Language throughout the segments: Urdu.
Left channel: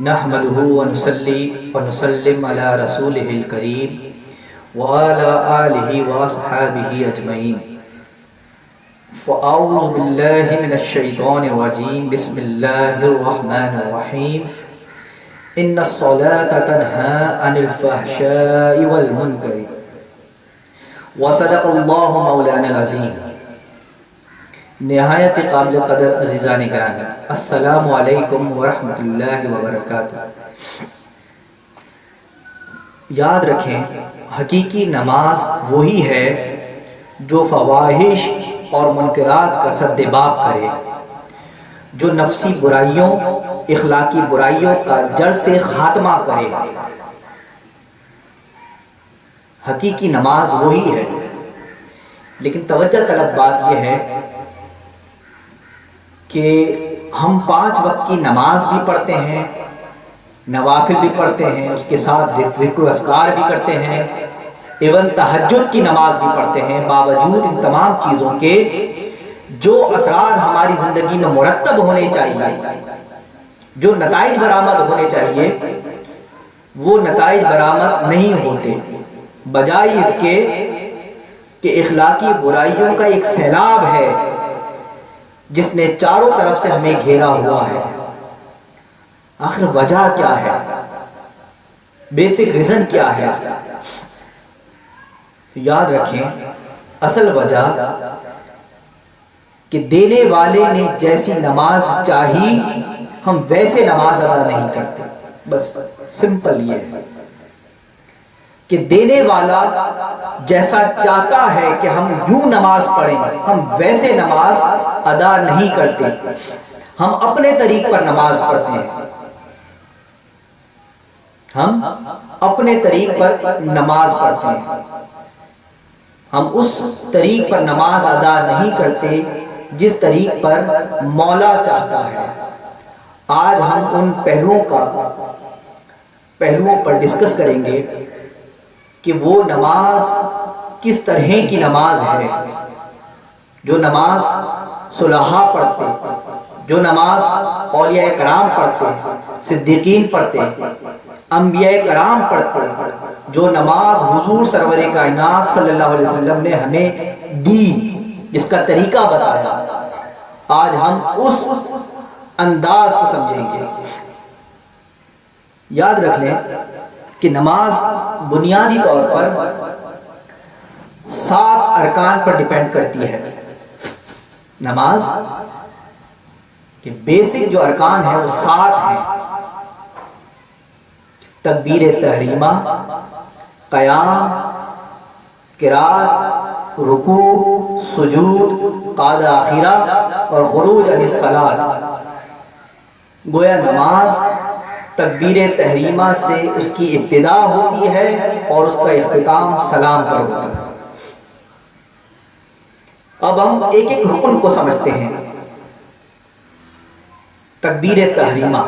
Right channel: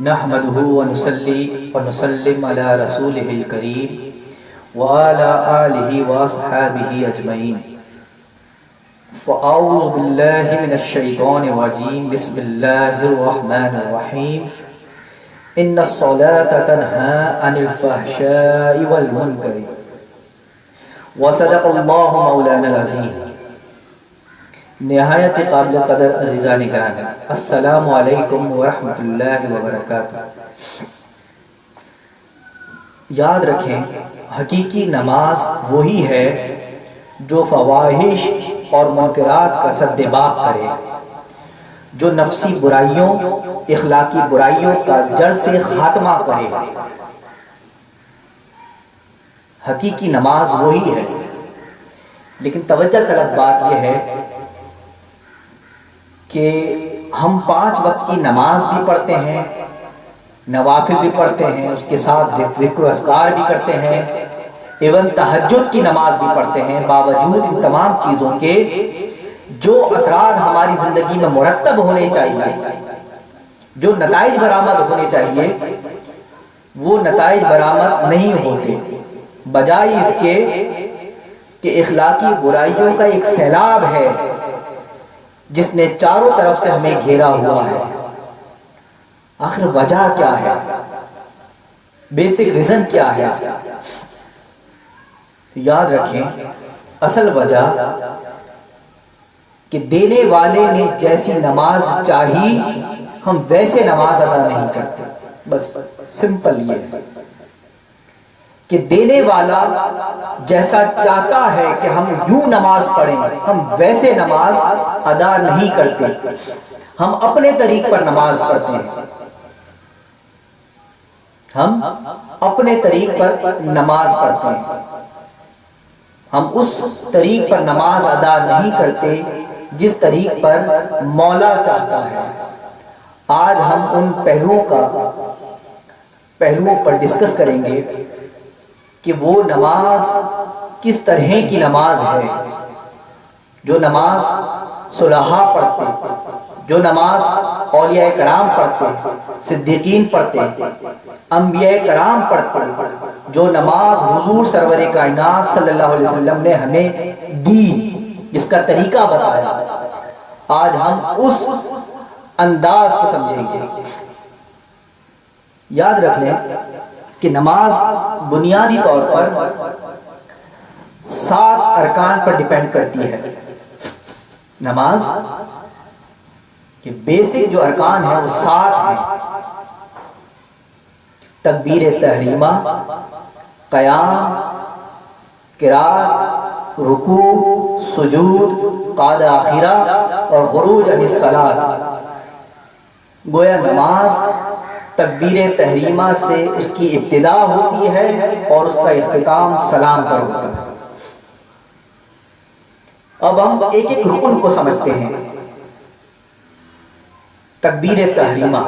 نحمده ونصلي ونسلم على رسوله الكريم وعلى آله وصحبه أجمعين. فأعوذ بالله من الشيطان الرجيم. بسم الله الرحمن الرحيم. إن الصلاة تنهى عن الفحشاء والمنكر وصدق الله مولانا العظيم. نہایت قابل قدر عزیزان گرامی، السلام علیکم ورحمۃ اللہ وبرکاتہ۔ یاد رکھیں، حقیقی نماز وہی ہے جو فواحش اور منکرات کا سدباب کرے، جو نفسی برائیوں، اخلاقی برائیوں کا جڑ سے خاتمہ کرے۔ حقیقی نماز وہی ہے، لیکن توجہ طلب بات یہ ہے کہ ہم 5 وقت کی نماز بھی پڑھتے ہیں، نوافل بھی پڑھتے ہیں، اس کے ساتھ ذکر و اذکار بھی کرتے ہیں، ایون تہجد کی نماز بھی پڑھتے ہیں۔ باوجود ان تمام چیزوں کے جو اثرات ہماری زندگی میں مرتب ہونے چاہیے، جو نتائج برآمد ہونے چاہیے، وہ نتائج برآمد نہیں ہوتے، بجائے اس کے کہ اخلاقی برائیوں کا ایک سیلاب ہے جس نے چاروں طرف سے ہمیں گھیرا ہوا ہے۔ آخر وجہ کیا ہے؟ بیسک ریزن کیا ہے اس کا؟ یاد رکھیں، اصل وجہ کہ دینے والے نے جیسی نماز چاہی ہم ویسے نماز ادا نہیں کرتے۔ بس سمپل یہ ہے کہ دینے والا جیسا چاہتا ہے کہ ہم یوں نماز پڑھیں، ہم ویسے نماز ادا نہیں کرتے، ہم اپنے طریق پر نماز پڑھتے ہیں، ہم اپنے طریق پر نماز پڑھتے ہیں، ہم اس طریق پر نماز ادا نہیں کرتے جس طریق پر مولا چاہتا ہے۔ آج ہم ان پہلوؤں پر ڈسکس کریں گے کہ وہ نماز کس طرح کی نماز ہے، جو نماز صلحاء پڑھتے، جو نماز اولیاء کرام پڑھتے، صدیقین پڑھتے، انبیاء کرام پڑھتے، جو نماز حضور سرور کائنات صلی اللہ علیہ وسلم نے ہمیں دی، جس کا طریقہ بتایا۔ آج ہم اس انداز کو سمجھیں گے۔ یاد رکھ لیں کہ نماز بنیادی طور پر 7 ارکان پر ڈیپینڈ کرتی ہے۔ نماز کے بیسک جو ارکان ہیں وہ 7 ہیں: تکبیر تحریمہ، قیام، قرات، رکوع، سجود، قعدہ اخیرہ اور خروج عن الصلاۃ۔ گویا نماز تکبیر تحریمہ سے اس کی ابتدا ہوتی ہے اور اس کا اختتام سلام پر ہوتا ہے۔ اب ہم ایک ایک رکن کو سمجھتے ہیں۔ تکبیر تحریمہ،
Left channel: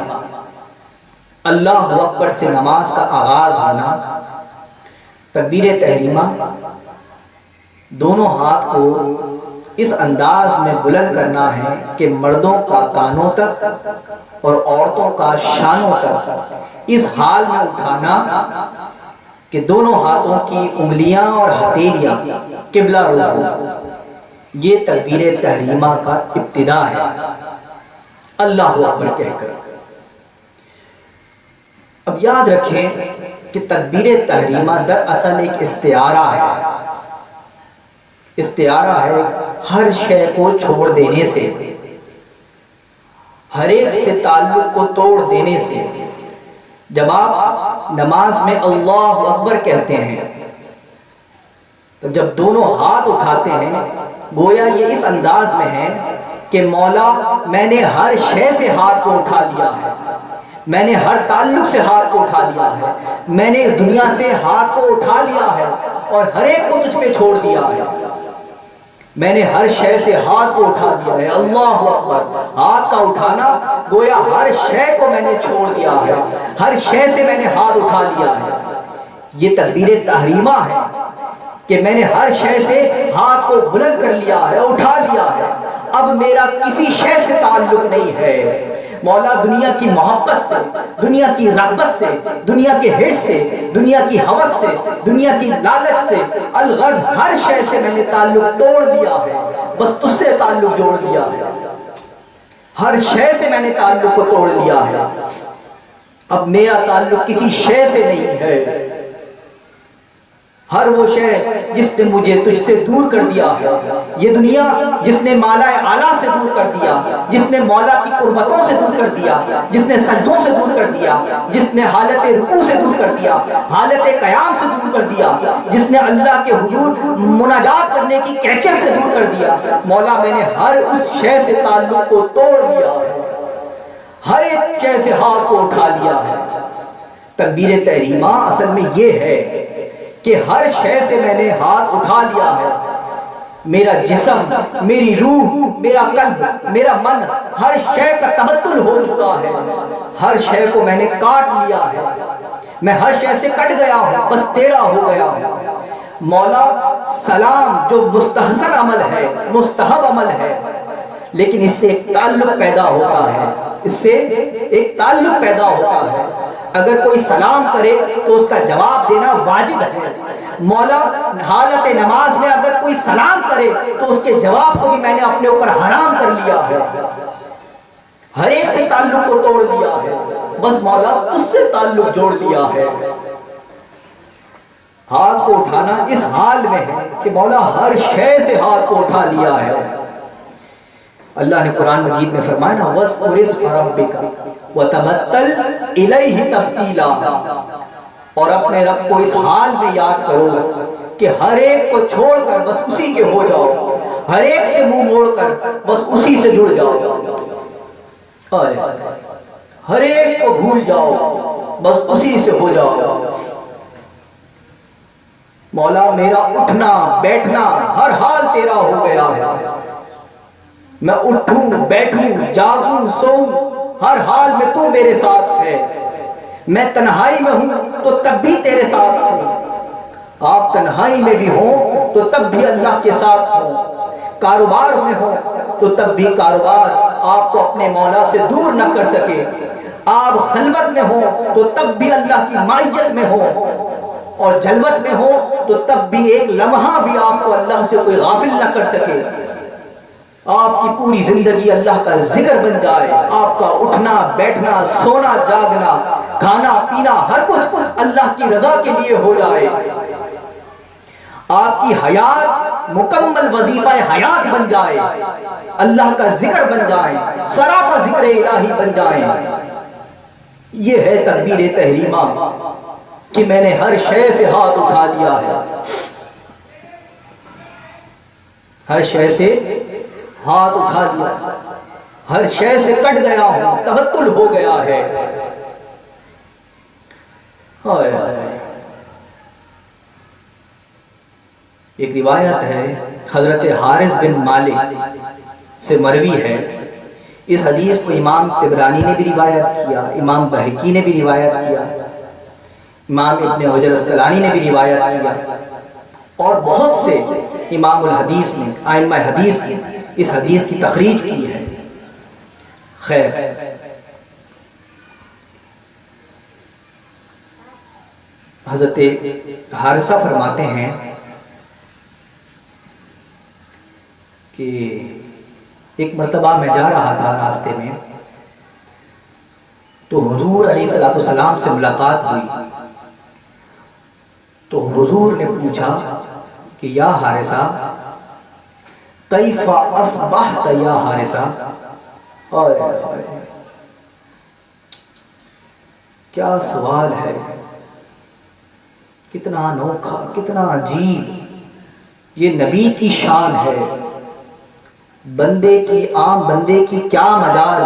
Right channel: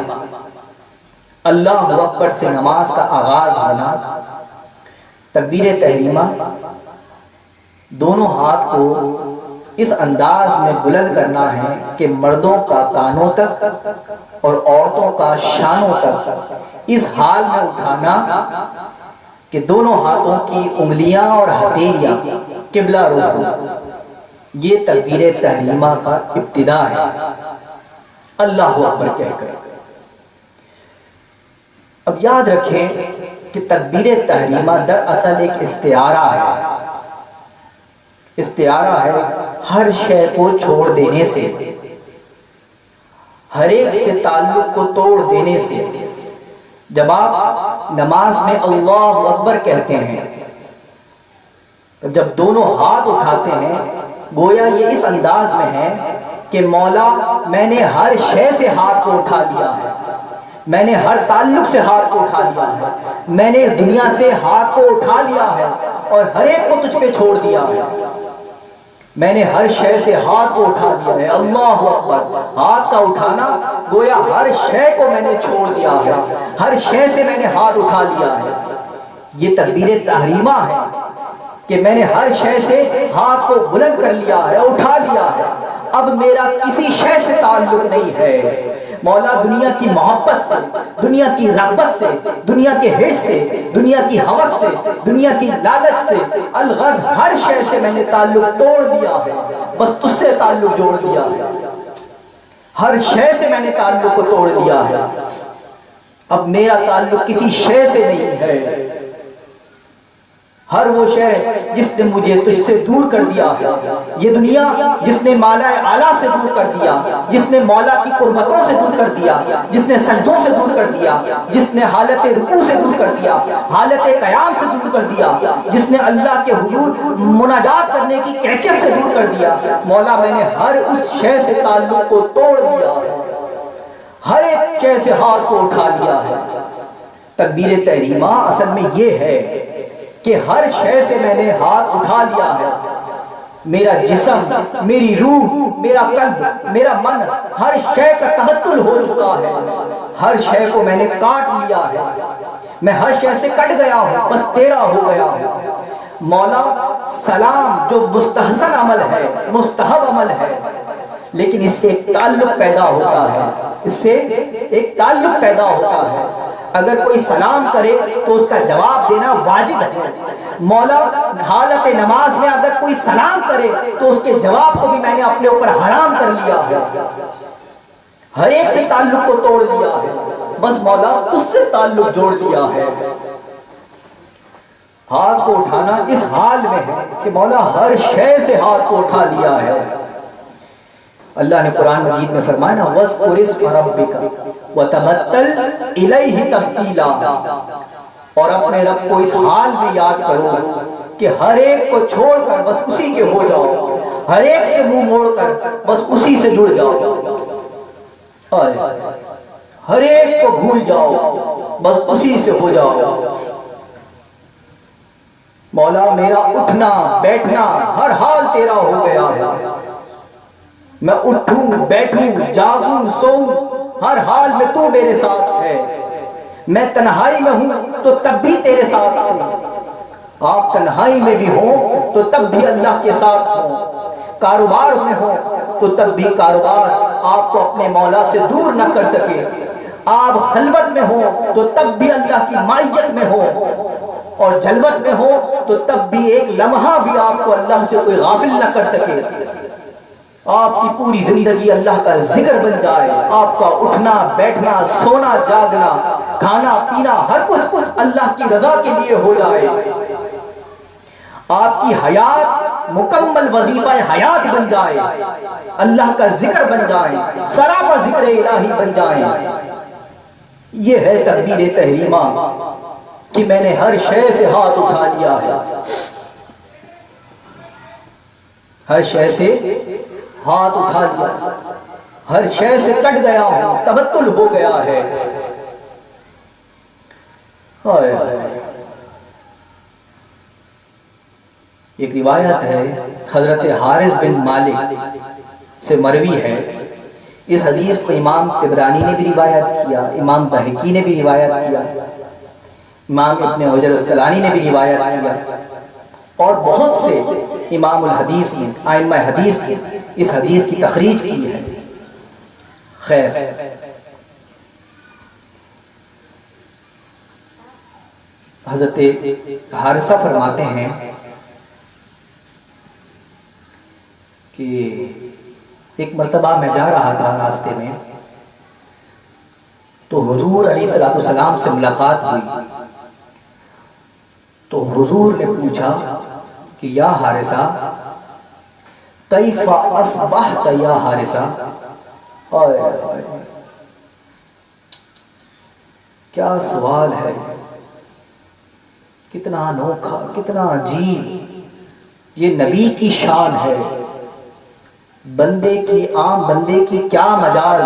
اللہ اکبر سے نماز کا آغاز ہونا۔ تکبیر تحریمہ، دونوں ہاتھ کو اس انداز میں بلند کرنا ہے کہ مردوں کا کانوں تک اور عورتوں کا شانوں تک، اس حال میں اٹھانا کہ دونوں ہاتھوں کی انگلیاں اور ہتھیلیاں قبلہ رخ ہو۔ یہ تکبیر تحریمہ کا ابتدا ہے، اللہ اکبر کہہ کر۔ اب یاد رکھیں کہ تکبیر تحریمہ دراصل ایک استعارہ ہے۔ استعارہ ہے ہر شے کو چھوڑ دینے سے، ہر ایک سے تعلق کو توڑ دینے سے۔ جب آپ نماز میں اللہ اکبر کہتے ہیں تو جب دونوں ہاتھ اٹھاتے ہیں، گویا یہ اس انداز میں ہے کہ مولا میں نے ہر شے سے ہاتھ کو اٹھا لیا ہے، میں نے ہر تعلق سے ہاتھ کو اٹھا لیا ہے، میں نے اس دنیا سے ہاتھ کو اٹھا لیا ہے اور ہر ایک کو تجھ پہ چھوڑ دیا ہے۔ میں نے ہر شے سے ہاتھ کو اٹھا دیا ہے۔ اللہ اکبر، ہاتھ کا اٹھانا گویا ہر شے کو میں نے چھوڑ دیا ہے، ہر شے سے میں نے ہاتھ اٹھا لیا ہے۔ یہ تکبیر تحریمہ ہے کہ میں نے ہر شے سے ہاتھ کو بلند کر لیا ہے، اٹھا لیا ہے۔ اب میرا کسی شے سے تعلق نہیں ہے، مولا دنیا کی محبت سے، دنیا کی رغبت سے، دنیا کے حرص سے، دنیا کی ہوس سے، دنیا کی لالچ سے، الغرض ہر شے سے میں نے تعلق توڑ دیا ہے، بس تجھ سے تعلق جوڑ دیا ہے، ہر شے سے میں نے تعلق کو توڑ دیا ہے، اب میرا تعلق کسی شے سے نہیں ہے، ہر وہ شے جس نے مجھے تجھ سے دور کر دیا ہے، یہ دنیا جس نے مالا اعلیٰ سے دور کر دیا، جس نے مولا کی قربتوں سے دور کر دیا، جس نے سجدوں سے دور کر دیا، جس نے حالت رکوع سے دور کر دیا، حالت قیام سے دور کر دیا، جس نے اللہ کے حضور مناجات کرنے کی کیفیت سے دور کر دیا، مولا میں نے ہر اس شے سے تعلق کو توڑ دیا ہے، ہر ایک شے سے ہاتھ کو اٹھا لیا ہے۔ تکبیر تحریمہ اصل میں یہ ہے کہ ہر شے سے میں نے ہاتھ اٹھا لیا ہے، میرا جسم، میری روح، میرا قلب، میرا من، ہر شے کا تبدل ہو چکا ہے، ہر شے کو میں نے کاٹ لیا ہے، میں ہر شے سے کٹ گیا ہوں، بس تیرا ہو گیا ہوں۔ مولا سلام جو مستحسن عمل ہے، مستحب عمل ہے، لیکن اس سے ایک تعلق پیدا ہوتا ہے، اس سے ایک تعلق پیدا ہوتا ہے، اگر کوئی سلام کرے تو اس کا جواب دینا واجب ہے، مولا حالت نماز میں اگر کوئی سلام کرے تو اس کے جواب کو بھی میں نے اپنے اوپر حرام کر لیا ہے، ہر ایک سے تعلق کو توڑ دیا ہے، بس مولا تجھ سے تعلق جوڑ دیا ہے۔ ہاتھ کو اٹھانا اس حال میں ہے کہ مولا ہر شے سے ہاتھ کو اٹھا لیا ہے۔ اللہ نے قرآن مجید میں فرمایا نا وَاذْكُرِ اسْمَ رَبِّكَ وَتَبَتَّلْ إِلَيْهِ تَبْتِيلًا، اور اپنے رب کو اس حال میں یاد کرو کہ ہر ایک کو چھوڑ کر بس اسی کے ہو جاؤ، ہر ایک سے منہ موڑ کر بس اسی سے جڑ جاؤ، ہر ایک کو بھول جاؤ بس اسی سے ہو جاؤ۔ مولا میرا اٹھنا بیٹھنا ہر حال تیرا ہو گیا ہے، میں اٹھوں بیٹھوں جاگوں سوؤں ہر حال میں تو میرے ساتھ ہے، میں تنہائی میں ہوں تو تب بھی تیرے ساتھ ہوں، آپ تنہائی میں بھی ہوں تو تب بھی اللہ کے ساتھ ہوں، کاروبار میں ہوں تو تب بھی کاروبار آپ کو اپنے مولا سے دور نہ کر سکے، آپ خلوت میں ہوں تو تب بھی اللہ کی معیت میں ہوں، اور جلوت میں ہو تو تب بھی ایک لمحہ بھی آپ کو اللہ سے کوئی غافل نہ کر سکے، آپ کی پوری زندگی اللہ کا ذکر بن جائے، آپ کا اٹھنا بیٹھنا سونا جاگنا کھانا پینا ہر کچھ اللہ کی رضا کے لیے ہو جائے، آپ کی حیات مکمل وظیفہ حیات بن جائے، اللہ کا ذکر بن جائے، سراپا ذکر الہی بن جائے۔ یہ ہے تکبیر تحریمہ کہ میں نے ہر شے سے ہاتھ اٹھا لیا ہے، ہر شے سے ہاتھ اٹھا لیا، ہر شے سے کٹ گیا ہوں، تبتل ہو گیا ہے۔ ایک روایت ہے حضرت حارث بن مالک سے مروی ہے، اس حدیث کو امام طبرانی نے بھی روایت کیا، امام بہقی نے بھی روایت کیا، امام ابن حجر اسقلانی نے بھی روایت کیا، اور بہت سے امام الحدیث نے ائمہ حدیث نے اس حدیث کی تخریج کی ہے۔ خیر، حضرت حارثہ فرماتے ہیں کہ ایک مرتبہ میں جا رہا تھا راستے میں تو حضور علیہ الصلوۃ والسلام سے ملاقات ہوئی، تو حضور نے پوچھا کہ یا حارثہ کیف اصبحت یا حارثہ، کیا سوال ہے، کتنا انوکھا کتنا عجیب، یہ نبی کی شان ہے، بندے کی عام بندے کی کیا مجال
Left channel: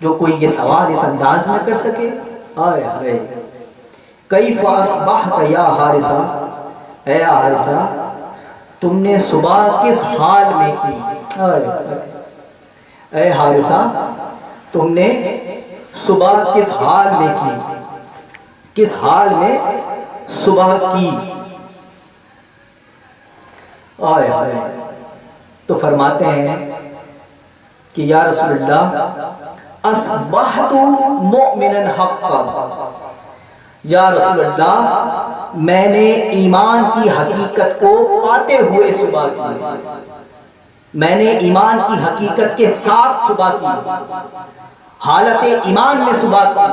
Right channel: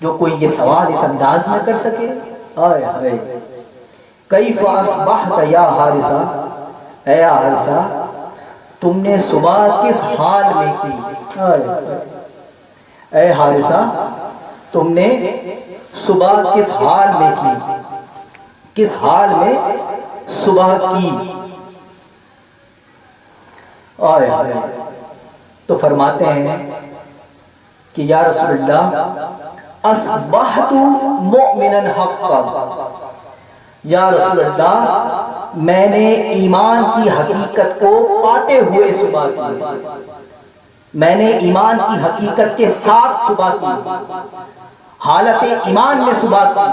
جو کوئی یہ سوال اس انداز میں کر سکے۔ آئے ہائے، کیف اصبحت یا حارثہ، اے حارثہ تم نے صبح کس حال میں کی، اے حارثہ تم نے صبح کس حال میں کی، کس حال میں صبح کی۔ آئے ہائے، تو فرماتے ہیں کہ یا رسول اللہ اصبحت مؤمنا حقا، یا رسول اللہ میں نے ایمان کی حقیقت کو پاتے ہوئے صبح کی، میں نے ایمان کی حقیقت کے ساتھ صبح کی، حالت ایمان میں صبح کی،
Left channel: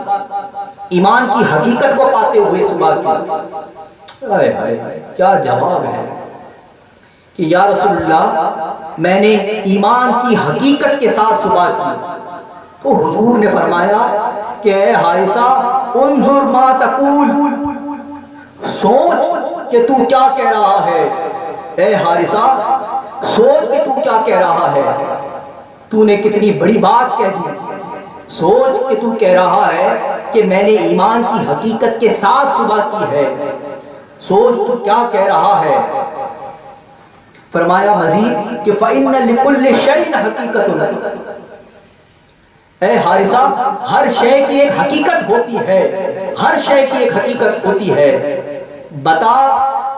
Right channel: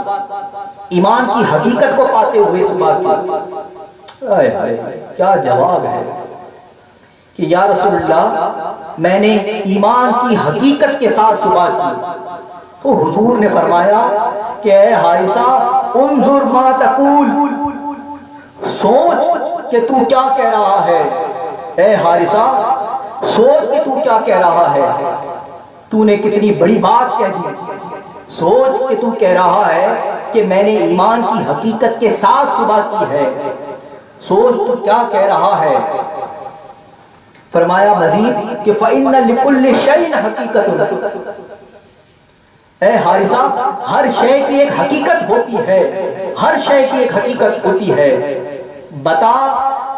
ایمان کی حقیقت کو پاتے ہوئے صبح کی۔ آئے آئے کیا جواب ہے کہ یا رسول اللہ میں نے ایمان کی حقیقت کے ساتھ صبح کی۔ تو حضور نے فرمایا کہ اے حارثہ انظر ما تقول، سوچ کہ تو کیا کہہ رہا ہے، اے حارثہ سوچ کہ تو کیا کہہ رہا ہے، تو نے کتنی بڑی بات کہہ دی، سوچ کہ تو کہہ رہا ہے کہ میں نے ایمان کی حقیقت کے ساتھ صبح کی ہے، سوچ تو کیا کہہ رہا ہے۔ فرمایا مزید کہ فَإِنَّ لِكُلِّ شَيْءٍ حَقِيقَةٌ، اے حارثہ ہر شے کی ایک حقیقت ہوتی ہے، ہر شے کی ایک حقیقت ہوتی ہے، بتا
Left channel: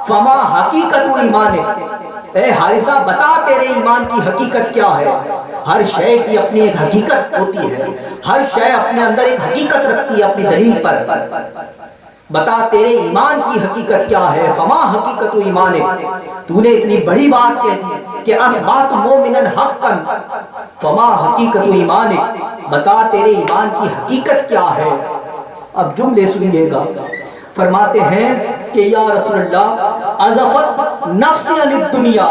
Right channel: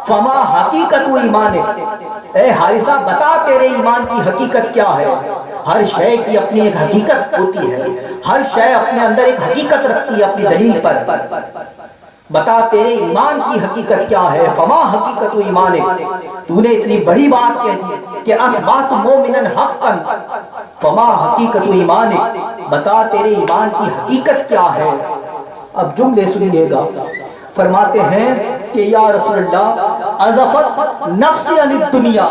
فما حقیقت ایمانک، اے حارثہ بتا تیرے ایمان کی حقیقت کیا ہے۔ ہر شے کی اپنی ایک حقیقت ہوتی ہے، ہر شے اپنے اندر ایک حقیقت رکھتی ہے اپنی دلیل پر، بتا تیرے ایمان کی حقیقت کیا ہے۔ فما حقیقت ایمانک، تو نے اتنی بڑی بات کہہ دی کہ اصبحت مومنا حقا، فما حقیقت ایمانک، بتا تیرے ایمان کی حقیقت کیا ہے۔ اب جملے سنیے گا، فرماتے ہیں کہ یا رسول اللہ ازفت نفسی عن الدنیا،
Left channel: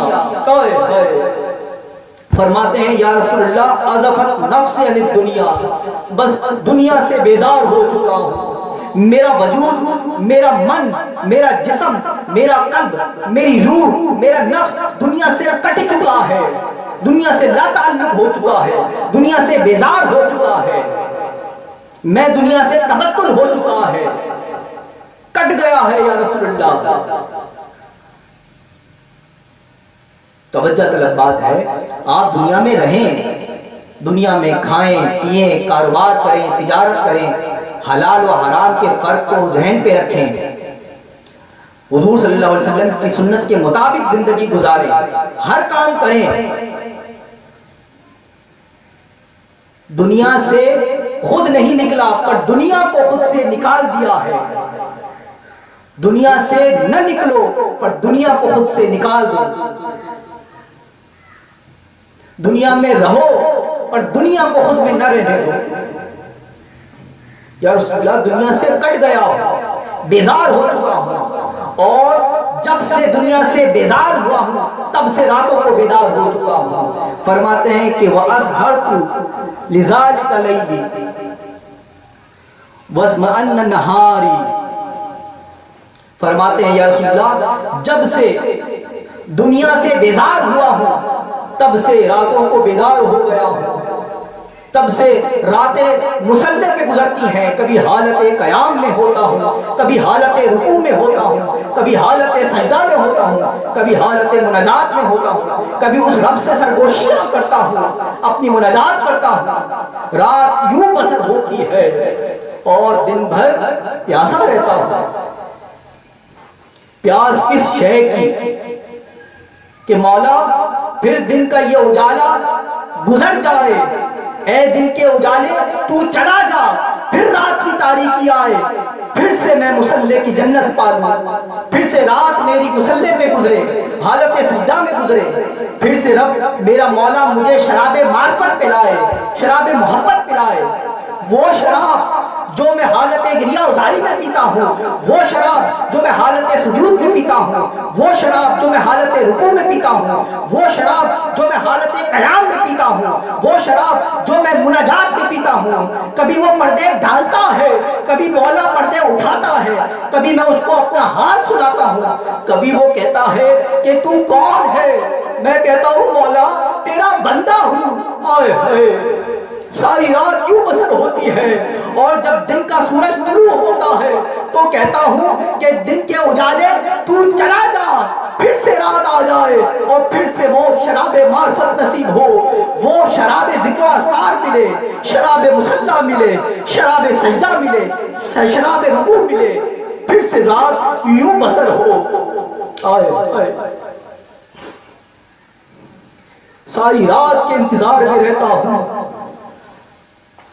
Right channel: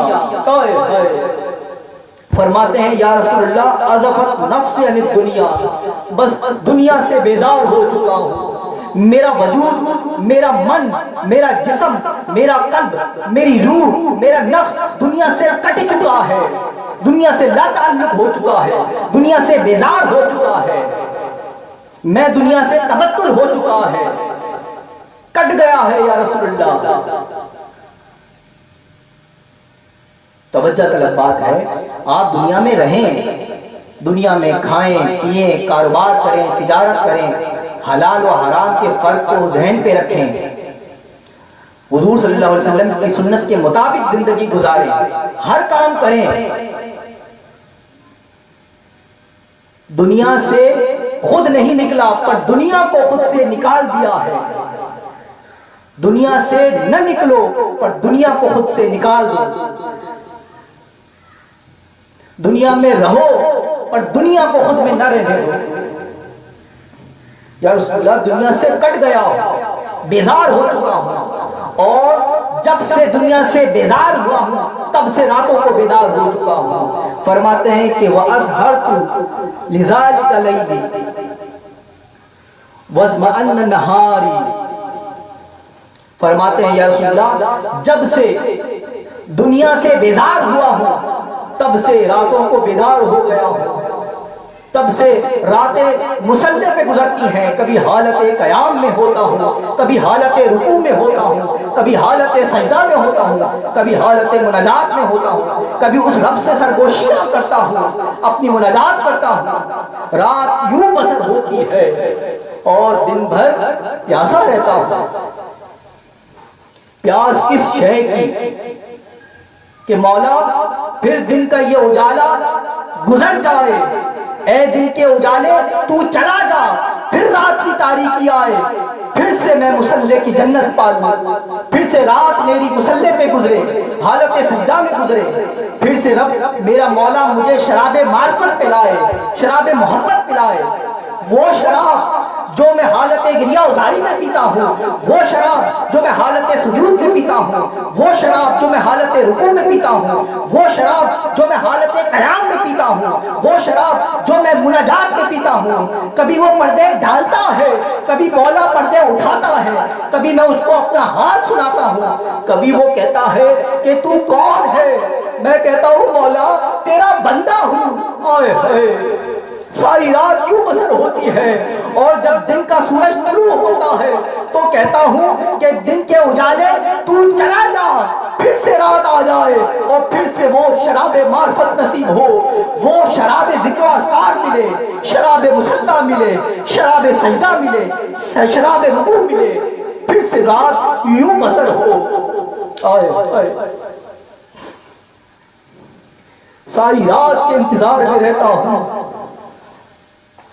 فرماتے ہیں یا رسول اللہ ازفت نفسی عن الدنیا، بس دنیا سے بیزار ہو چکا ہوں، میرا وجود، میرا من، میرا جسم، میرا قلب، میری روح، میرا نفس دنیا سے کٹ چکا ہے، دنیا سے لا تعلق ہو چکا ہے، دنیا سے بیزار ہو چکا ہے، میں دنیا سے تبتل ہو چکا ہے، کٹ گیا ہے یا رسول اللہ۔ توجہ طلب بات ہے، آپ دنیا میں رہیں، دنیا میں کھائیں پیئیں، کاروبار کریں، تجارت کریں، حلال و حرام کے فرق کو ذہن پہ رکھیں، حضور صلی اللہ علیہ وسلم کی سنت کے مطابق زندگی گزاریں، ہر کام کریں، دنیا سے خود نہیں نکلا پر دنیا کو خود سے نکال دیا ہے، دنیا سے نہ نکلو پر دنیا کو خود سے نکال دو، دنیا میں رہو پر دنیا کو خود میں نہ رہنے دو۔ یا رسول اللہ دنیا سے کٹ گیا ہوں، بیزار ہو چکا ہوں، اور جب سے دنیا سے بیزار ہوا ہوں تب سے راتوں کو بیدار ہو چکا ہوں۔ فرماتے ہیں کہ وَأَزْهَرْتُ لِذَلِكَ لَيْلِي وَازْمَأَنَّ نَهَارِي، فرماتے ہیں یا رسول اللہ جب سے دنیا سے بیزار ہوا ہوں تب سے راتوں کو بیدار ہو گیا ہوں، تب سے راتیں مصلی پہ گزرتی ہیں، کبھی حالت قیام میں ہوتا ہوں، کبھی حالت رکوع میں ہوتا ہوں، کبھی حالت سجدہ میں ہوتا ہوں، کبھی حالت مناجات میں ہوتا ہوں، کبھی اس رب سے سرگوشیاں کرتا ہوں، اپنی مناجات کرتا ہوں، رات یوں بسر ہوتی ہے اور دن بھر پیاسا رہتا ہوں۔ پیاس کس شے کی کہ مولا پھر دن کا یہ اجالا گزر جائے، اے دن کے اجالے تو چلا جا، پھر رات کی تاریکی آئے، پھر سے میں مصلی کی جنت پالوں، پھر سے رات میری مصلی پہ گزرے، حالت سجدہ میں گزرے، پھر سے رب میرا مولا مجھے شراب معرفت پلائے، شراب محبت پلائے، وہ شراب جو میں حالت گریہ ازاری میں پیتا ہوں، وہ شراب جو میں حالت سجود میں پیتا ہوں، وہ شراب جو میں حالت رکوع میں پیتا ہوں، وہ شراب جو میں حالت قیام میں پیتا ہوں، وہ شراب جو میں مناجات میں پیتا ہوں، کبھی وہ پردے ڈالتا ہے، کبھی مولا پردے اٹھاتا ہے، کبھی میں اس کو اپنا حال سناتا ہوں، کبھی وہ کہتا ہے کہ تو کون ہے، میں کہتا ہوں مولا تیرا بندہ ہوں، آئے ہائے ساری رات یوں بسر ہوتی ہے، اور جب دن کا سورج طلوع ہوتا ہے تو کہتا ہوں کہ دن کے اجالے تو چلا جا، پھر سے رات آ جائے اور پھر سے وہ شراب معرفت نصیب ہو، وہ شراب ذکر و اذکار ملے، شراب مصلی ملے، شراب سجدہ ملے، شراب رکوع ملے، پھر سے رات یوں بسر ہو۔ آئے آئے ساری رات کے انتظار میں رہتا ہوں،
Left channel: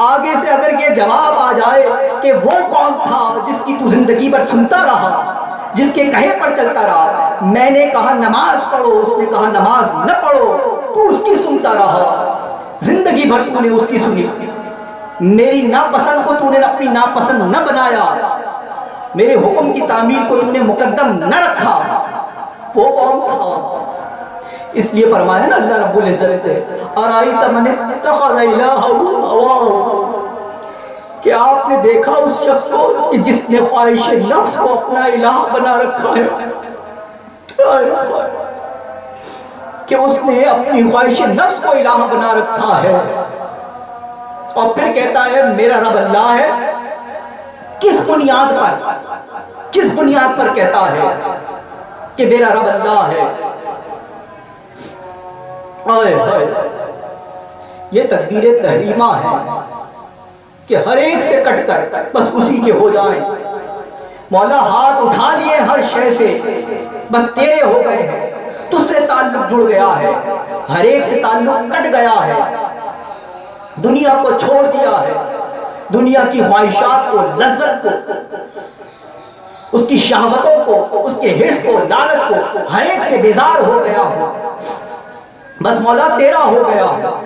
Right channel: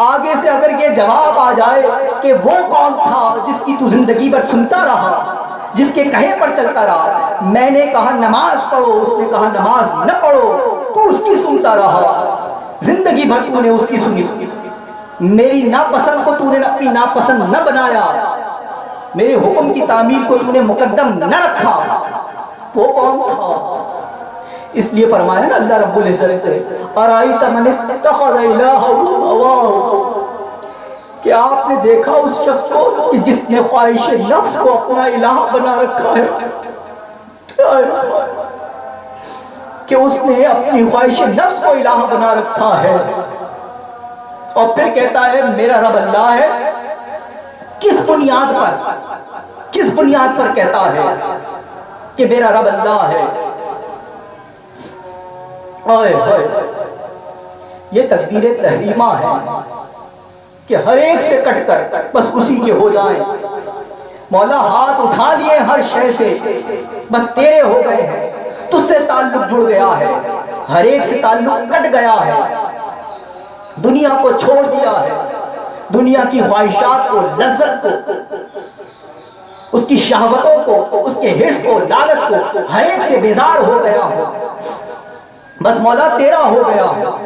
آگے سے اگر یہ جواب آ جائے کہ وہ کون تھا جس کی تو زندگی بھر سنتا رہا، جس کے کہے پر چلتا رہا، میں نے کہا نماز پڑھو، اس نے کہا نماز نہ پڑھو، تو اس کی سنتا رہا، زندگی بھر تو نے اس کی سنی، میری ناپسند کو تو نے اپنی ناپسند نہ بنایا، میرے حکم کی تعمیل کو تو نے مقدم نہ رکھا، وہ کون تھا؟ اس لیے فرمایا نا اللہ رب العزت سے ارائیت من اتخذ الہہ ہواہ، کہ آپ نے دیکھا اس شخص کو کہ جس نے خواہش نفس کو اپنا الہ بنا رکھا ہے، کہ اس نے اپنی خواہش نفس کو الہ بنا رکھا ہے، اور پھر کہتا ہے میرا رب اللہ ہے۔ کس بنیاد پر کہتا ہے کہ میرا رب اللہ ہے؟ آئے ہائے، یہ تکبیر تحریمہ ہے کہ ہر ایک سے کٹ کر بس اسی کے ہو جائیں۔ مولا ہاتھ اٹھا لیے ہر شے سے، بس تیرے ہو گئے ہیں، تجھ سے تعلق جڑ گیا ہے، ہر ایک سے تعلق کٹ گیا ہے، دنیا کو چھوڑ دیا ہے، دنیا کی خواہشات کو، لذت کو، اس کی شہوتوں کو، اس کے حرص کو، لالچ کو، ہر ایک سے بیزار ہو گیا ہو، بس مولا تیرا ہو گیا ہو۔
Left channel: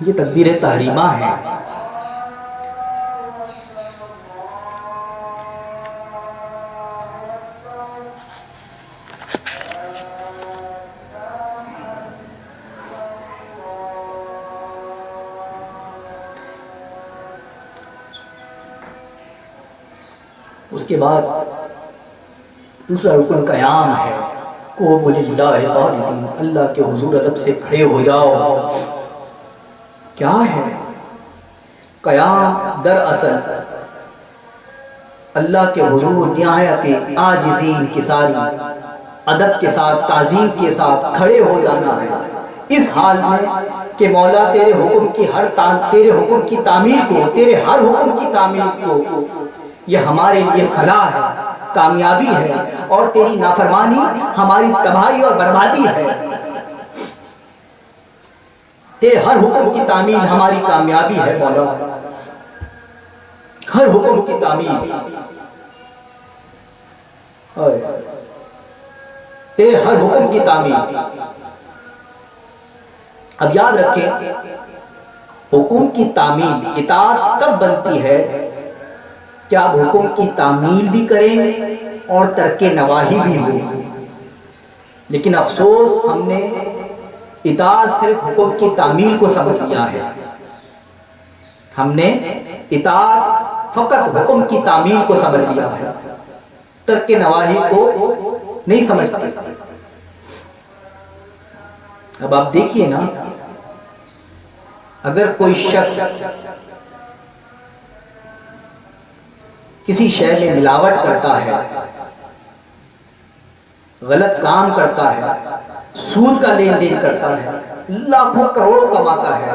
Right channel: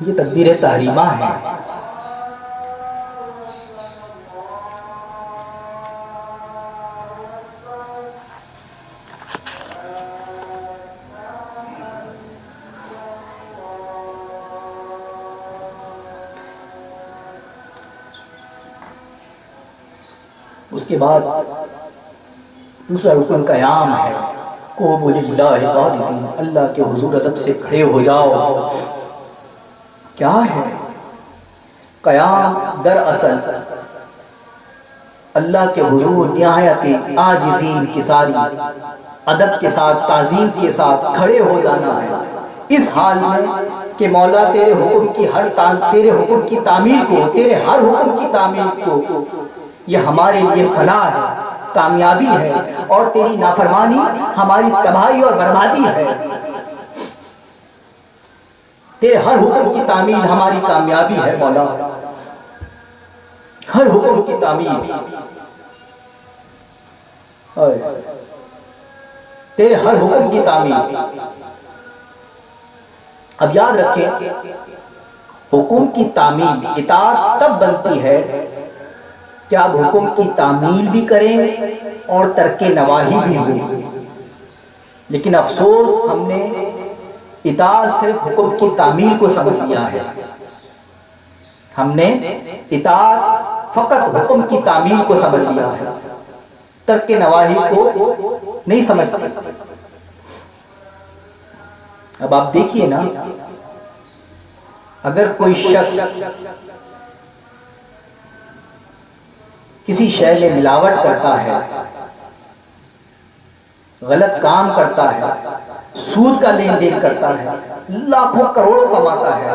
یہ تکبیر تحریمہ ہے۔ اس کے بعد دوسرا رکن قیام ہے، قوموا للہ قانتین، اللہ کے حضور ادب سے کھڑے ہو جاؤ۔ کیا ہے قیام؟ دراصل اللہ کے حضور نہایت عاجزی انکساری ادب کے ساتھ، تعظیم کے ساتھ کھڑے ہو جانا ہے، اس حال میں کہ مولا تیرے حکم کی تعمیل کو، تیرے ہر حکم کی تعمیل کو، یہ ہمارے لیے فلاح ہے، کامیابی ہے، اور تیری نافرمانی ہماری تباہی اور بربادی ہے۔ تیرے ہر حکم کی تعمیل ہماری کامیابی ہے مولا، ہر حکم کی تعمیل، تیرے ہر حکم کی تعمیل۔ اب یاد رکھیں، حکم کی تعمیل اطاعت تب بنتی ہے کہ آپ حکم کی تعمیل بھی کریں اور ترک نواہی بھی ہو، لیکن افسوس ہم نے اطاعت صرف حکم کی تعمیل کو سمجھ لیا ہے، ہم نے اطاعت فقط حکم کی تعمیل کو سمجھ لیا ہے، ترک نواہی کو نہیں سمجھتے۔ اب آپ دیکھیے نا، اگر کوئی شخص کسی شے میں ملاوٹ کرتا ہے، غلط کام کرتا ہے، سود کا لین دین کرتا ہے، لاکھوں کروڑوں کماتا ہے،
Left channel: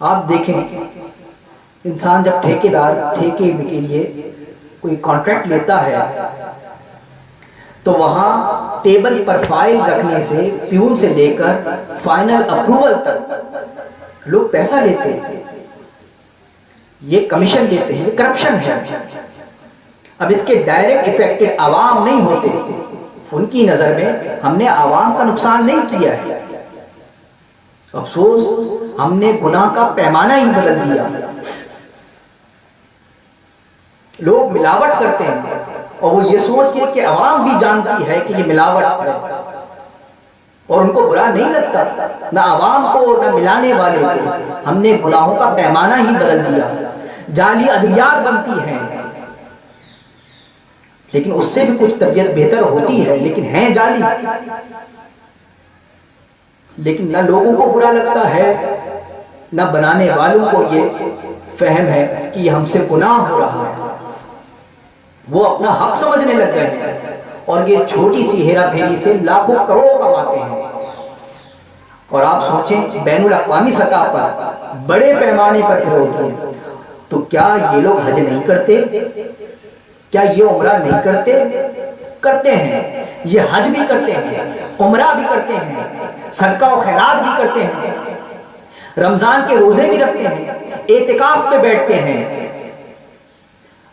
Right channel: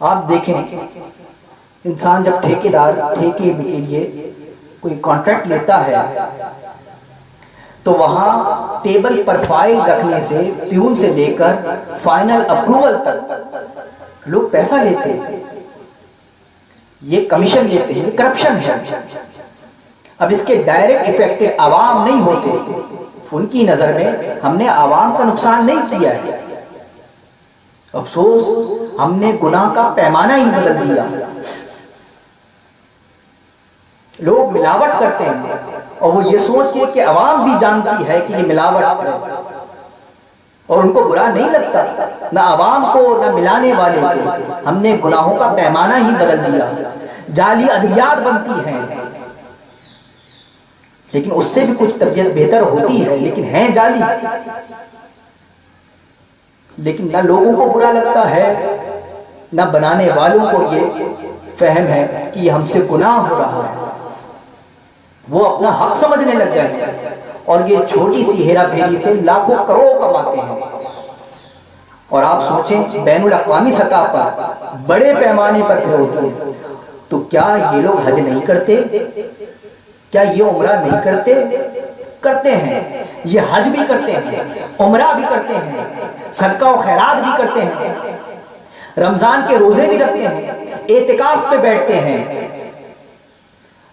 آپ دیکھیں انسان جب ٹھیکے کے لیے کوئی کانٹریکٹ لیتا ہے تو وہاں ٹیبل پر فائل رکھنے سے، پیون سے لے کر فائنل اپروول تک لوگ پیسہ لیتے ہیں، یہ کمیشن لیتے ہیں، یہ کرپشن ہے۔ اب اس کے ڈائریکٹ افیکٹڈ عوام نہیں ہوتے، ان کی نظر میں ہم نے عوام کا نقصان نہیں کیا ہے، افسوس ہم نے گناہ کا پیمانہ ہی بدل دیا۔ لوگ ملاوٹ کرتے ہیں اور وہ یہ سوچ کے کہ عوام بھی جانتی ہے کہ یہ ملاوٹ ہے، اور ان کو برا نہیں لگتا، نہ عوام کو نہ ملانے والے کو۔ ہم نے گناہوں کا پیمانہ ہی بدل دیا، جعلی ادویات بنتی ہیں، لیکن اس سے بھی کچھ طبیعت بہتر ہوتی ہے، لیکن ہیں جعلی، لیکن نہ لوگوں کو برا لگتا ہے نہ بنانے والوں کو یہ فہم ہے کہ یہ ہم سے گناہ ہو رہا ہے، وہ اپنا حق سمجھنے لگ گئے ہیں، اور یہ چھوٹی سی ہیرا پھیری سے لاکھوں کروڑوں کماتے ہیں۔ اور آپ سوچیں بین الاقوامی سطح پر بڑے پیمانے پر پھر ہوتی ہے، تو کیا یہ لوگ حج نہیں کرتے؟ کیا یہ عمرہ نہیں کرتے؟ کرتے ہیں، یہ حج بھی کرتے ہیں، عمرہ بھی کرتے ہیں، صدقہ و خیرات بھی کرتے ہیں، رمضان کے روزے بھی رکھتے ہیں، اعتکاف پہ بیٹھتے ہیں،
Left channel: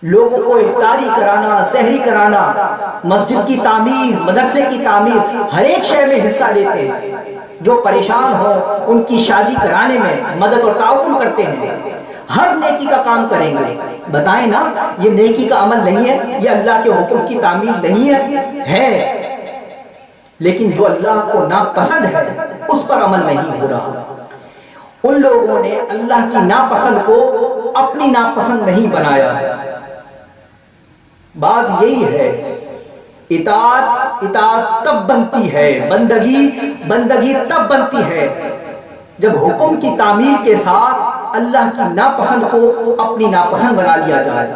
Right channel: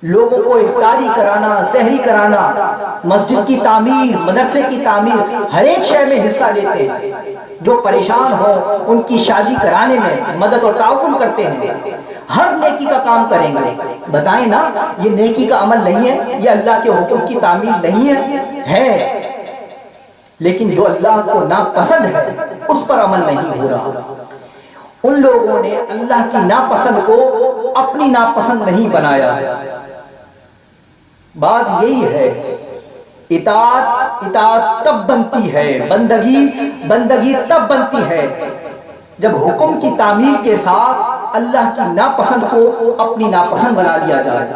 لوگوں کو افطاری کرانا، سحری کرانا، مسجد کی تعمیر، مدرسے کی تعمیر، ہر ایک شے میں حصہ لیتے ہیں، جو پریشان ہوں ان کی شادی کرانے میں مدد اور تعاون کرتے ہیں، ہر نیکی کا کام کریں گے۔ بتائیں نا، یہ نیکی کا عمل نہیں ہے؟ یہ اللہ کے حکم کی تعمیل نہیں ہے؟ لیکن جو اللہ کو ناپسند ہے اس پر عمل نہیں ہو رہا۔ ان لوگوں نے اللہ کی ناپسند کو اپنی ناپسند نہیں بنایا۔ بات یہی ہے، اطاعت تب بنتی ہے، بندگی تب بنتی ہے جب حکم کی تعمیل کے ساتھ اللہ کی ناپسند کو اپنی ناپسند بنا لیا جائے۔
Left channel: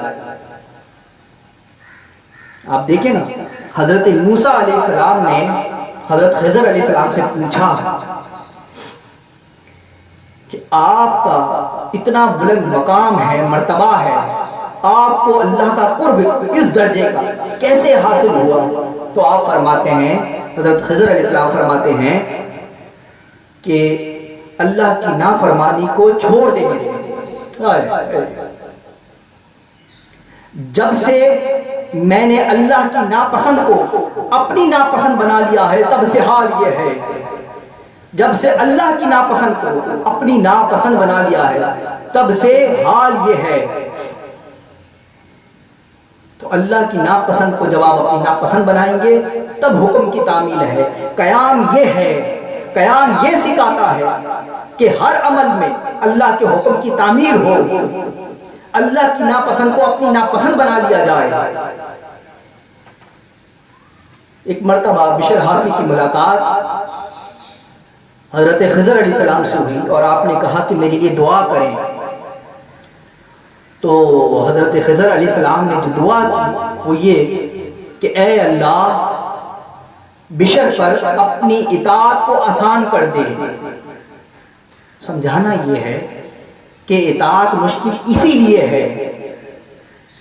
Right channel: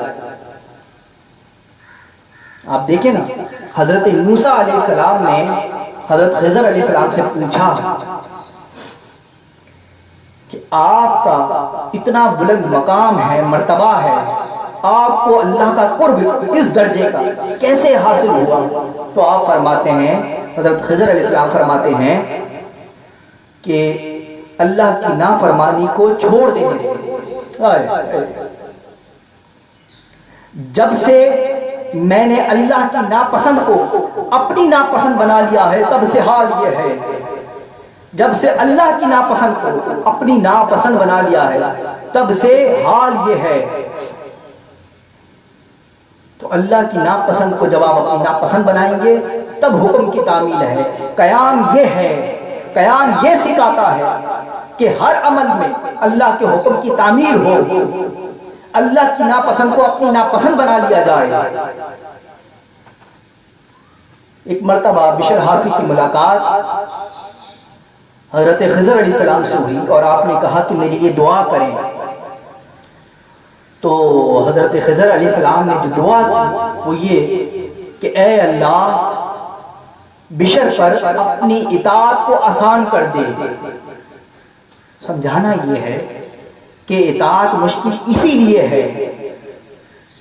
آپ دیکھیں نا، حضرت موسیٰ علیہ السلام نے حضرت خضر علیہ السلام سے پوچھا کہ آپ کا اتنا بلند مقام ہے، مرتبہ ہے، آپ کو اللہ کا قرب اس درجے کا کیسے حاصل ہوا؟ تو آپ فرماتے ہیں، حضرت خضر علیہ السلام فرماتے ہیں کہ اللہ کی نافرمانی کو چھوڑ دینے سے، جب سے میں نے اللہ کی ناپسند کو اپنی ناپسند بنا لیا ہے، تب سے حال یہ ہے، جب سے اللہ کی ناپسند کو اپنی ناپسند بنا لیا ہے تب سے حال یہ ہے۔ تو اللہ کی ناپسند کو جب آپ اپنی ناپسند بنائیں گے تب حکم کی تعمیل ہے۔ قیام یہ ہے، قیام یہ سکھاتا ہے کہ ہر عمل میں اللہ کے حکم کی تعمیل ہو، اللہ کی ناپسند کو اپنی ناپسند بنا لیا جائے۔ ایک مرتبہ بشر حافی کی ملاقات حضرت خضر علیہ السلام سے ہوئی اور آپ نے کہا کہ میرے لیے دعا کریں۔ تو حضرت خضر علیہ السلام نے جو دعا کی وہ یہ کہ اے اللہ، بشر پر اپنی اطاعت کو آسان کر دے۔ سمجھانا یہ ہے کہ اطاعت مشکل اسی لیے ہے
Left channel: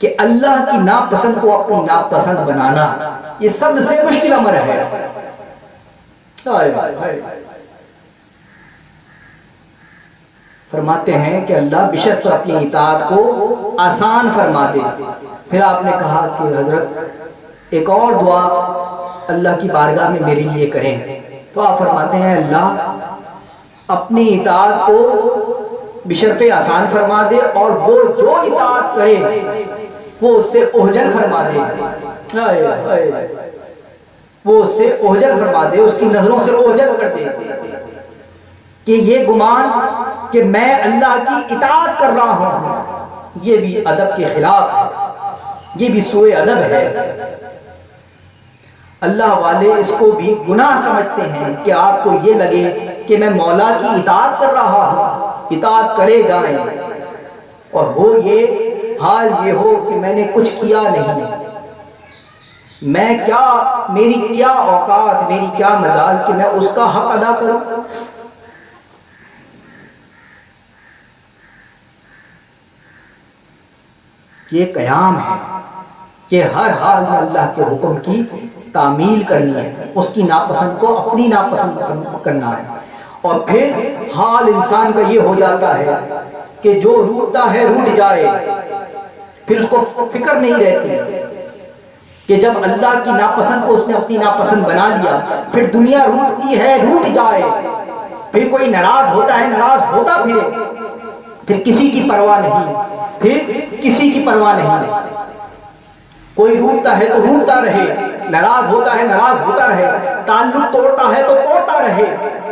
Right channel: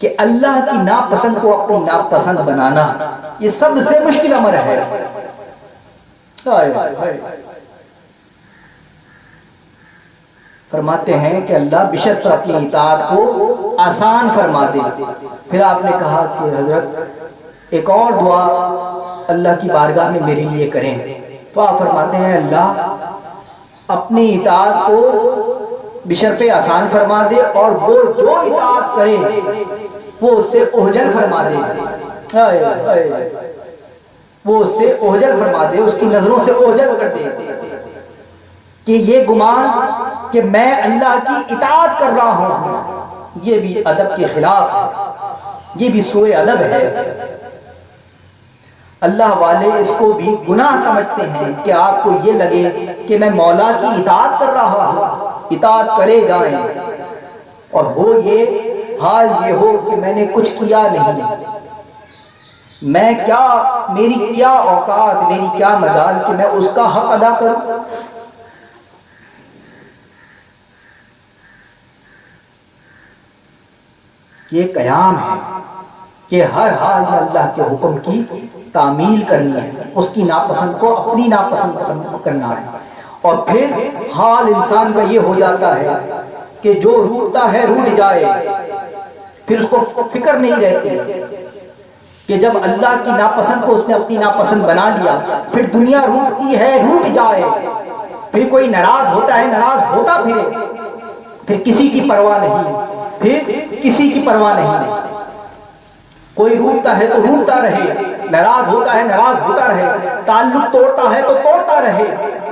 کہ اللہ کی ناپسند کو اپنی ناپسند بنانا یہ سب سے مشکل امر ہے۔ فرماتے ہیں کہ اللہ بشر پر اپنی اطاعت کو آسان فرما دے۔ پھر آپ نے کہا کہ حضرت ایک اور دعا اللہ کی بارگاہ میں میرے لیے کریں۔ تو آپ فرماتے ہیں اللہ اپنی اطاعت کو بشر پہ آسان فرما دے اور وہ جو اطاعت کرے وہ اس سے اوجل فرما دے، وہ اس سے اوجل فرما دے، اس کی نظروں سے اوجل کر دے کہ یہ گمان کہ میں اللہ کی اطاعت کر رہا ہوں یہ بھی ادب کے خلاف ہے، یہ بھی سوء ادب ہے۔ اللہ والے اس کو بھی گناہ سمجھتے ہیں کہ آپ کو یہ لگے کہ میں مولا کی اطاعت کر رہا ہوں، اطاعت کرے جائیں، اور ہو یہ حال یہ ہو کہ میں نے کچھ کیا نہیں، میں کیا، میری کیا اوقات، میری کیا مجال کہ میں اس کا حق ادا کروں۔ یہ قیام ہے کہ ہر حال میں اللہ کے حکم کی تعمیل کرنی ہے، اس کی ناپسند کو اپنی ناپسند کرنا ہے۔ اور پھر حال انسان کا یہ ہو جاتا ہے کہ جو روٹتا ہے روٹ جائے، پھر اس کو فکر نہیں رہتی کہ جب اللہ کی ناپسند کو اس نے اپنی ناپسند بنا لیا، پھر دنیا روٹتی ہے روٹ جائے، پھر کوئی ناراض ہوتا ہے ناراض ہوتا پھرے، پھر کسی کی پرواہ نہیں، پھر کسی کی پرواہ نہیں، کوئی روٹتا ہے تو روٹتا رہے، ناراض ہوتا ہے ناراض ہوتا رہے، تعلق توڑتا ہے تو توڑتا رہے،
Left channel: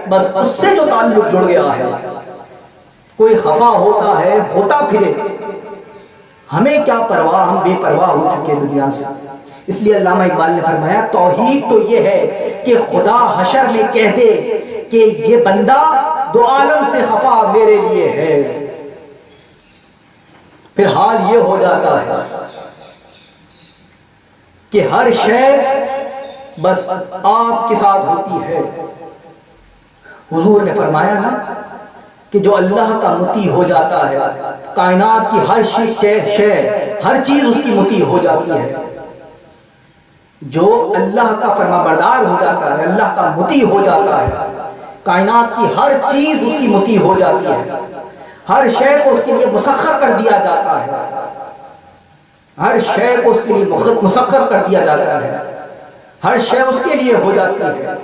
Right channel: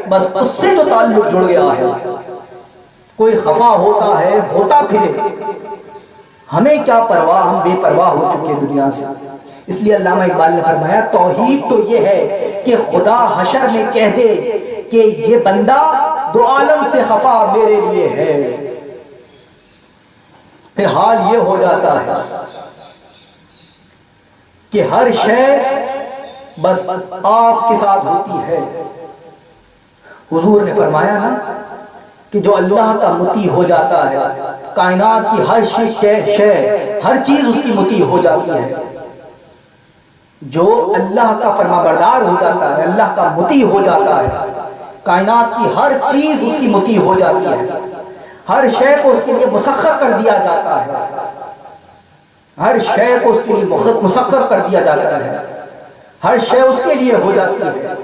بس اس سے جو تعلق جڑ گیا ہے، کوئی خفا ہوتا ہے ہوتا پھرے، ہمیں کیا پرواہ، ہم بے پرواہ ہو چکے دنیا سے۔ اس لیے علامہ اقبال نے فرمایا توحید تو یہ ہے کہ خدا حشر میں کہہ دے کہ یہ بندہ دو عالم سے خفا میرے لیے ہے، پھر حال یہ ہو جاتا ہے کہ ہر شے بس آپ کے ساتھ ہوتی ہے۔ حضور نے فرمایا نا کہ جو اللہ کا مطیع ہو جاتا ہے، کائنات کی ہر شے، ہر چیز اس کی مطیع ہو جاتی ہے۔ جو اللہ کا فرما بردار ہو جاتا ہے، اللہ کا مطیع ہو جاتا ہے، کائنات کی ہر چیز اس کی مطیع ہو جاتی ہے، ہر شے کو اس کے لیے مسخر کر دیا جاتا ہے، ہر شے کو اس کے لیے مسخر کر دیا جاتا ہے، ہر شے اس کے لیے ہو جاتی ہے۔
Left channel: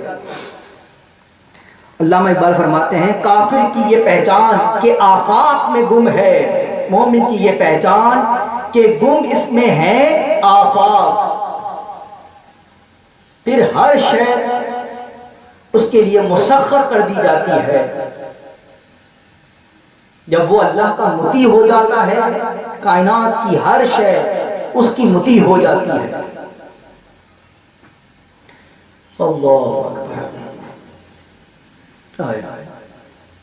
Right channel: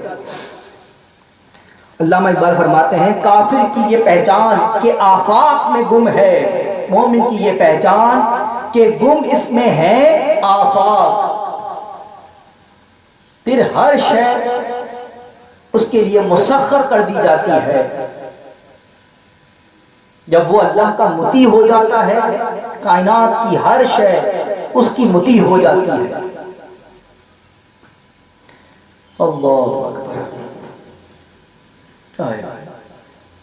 علامہ اقبال فرماتے ہیں کافر کی یہ پہچان کہ آفاق میں گم ہے، مومن کی یہ پہچان کہ گم اس میں ہے آفاق۔ پھر ہر شے اس کے لیے مسخر کر دی جاتی ہے۔ جب وہ اللہ کا مطیع ہو جاتا ہے، کائنات کی ہر شے اس کی مطیع ہو جاتی ہے۔ اللہ اکبر۔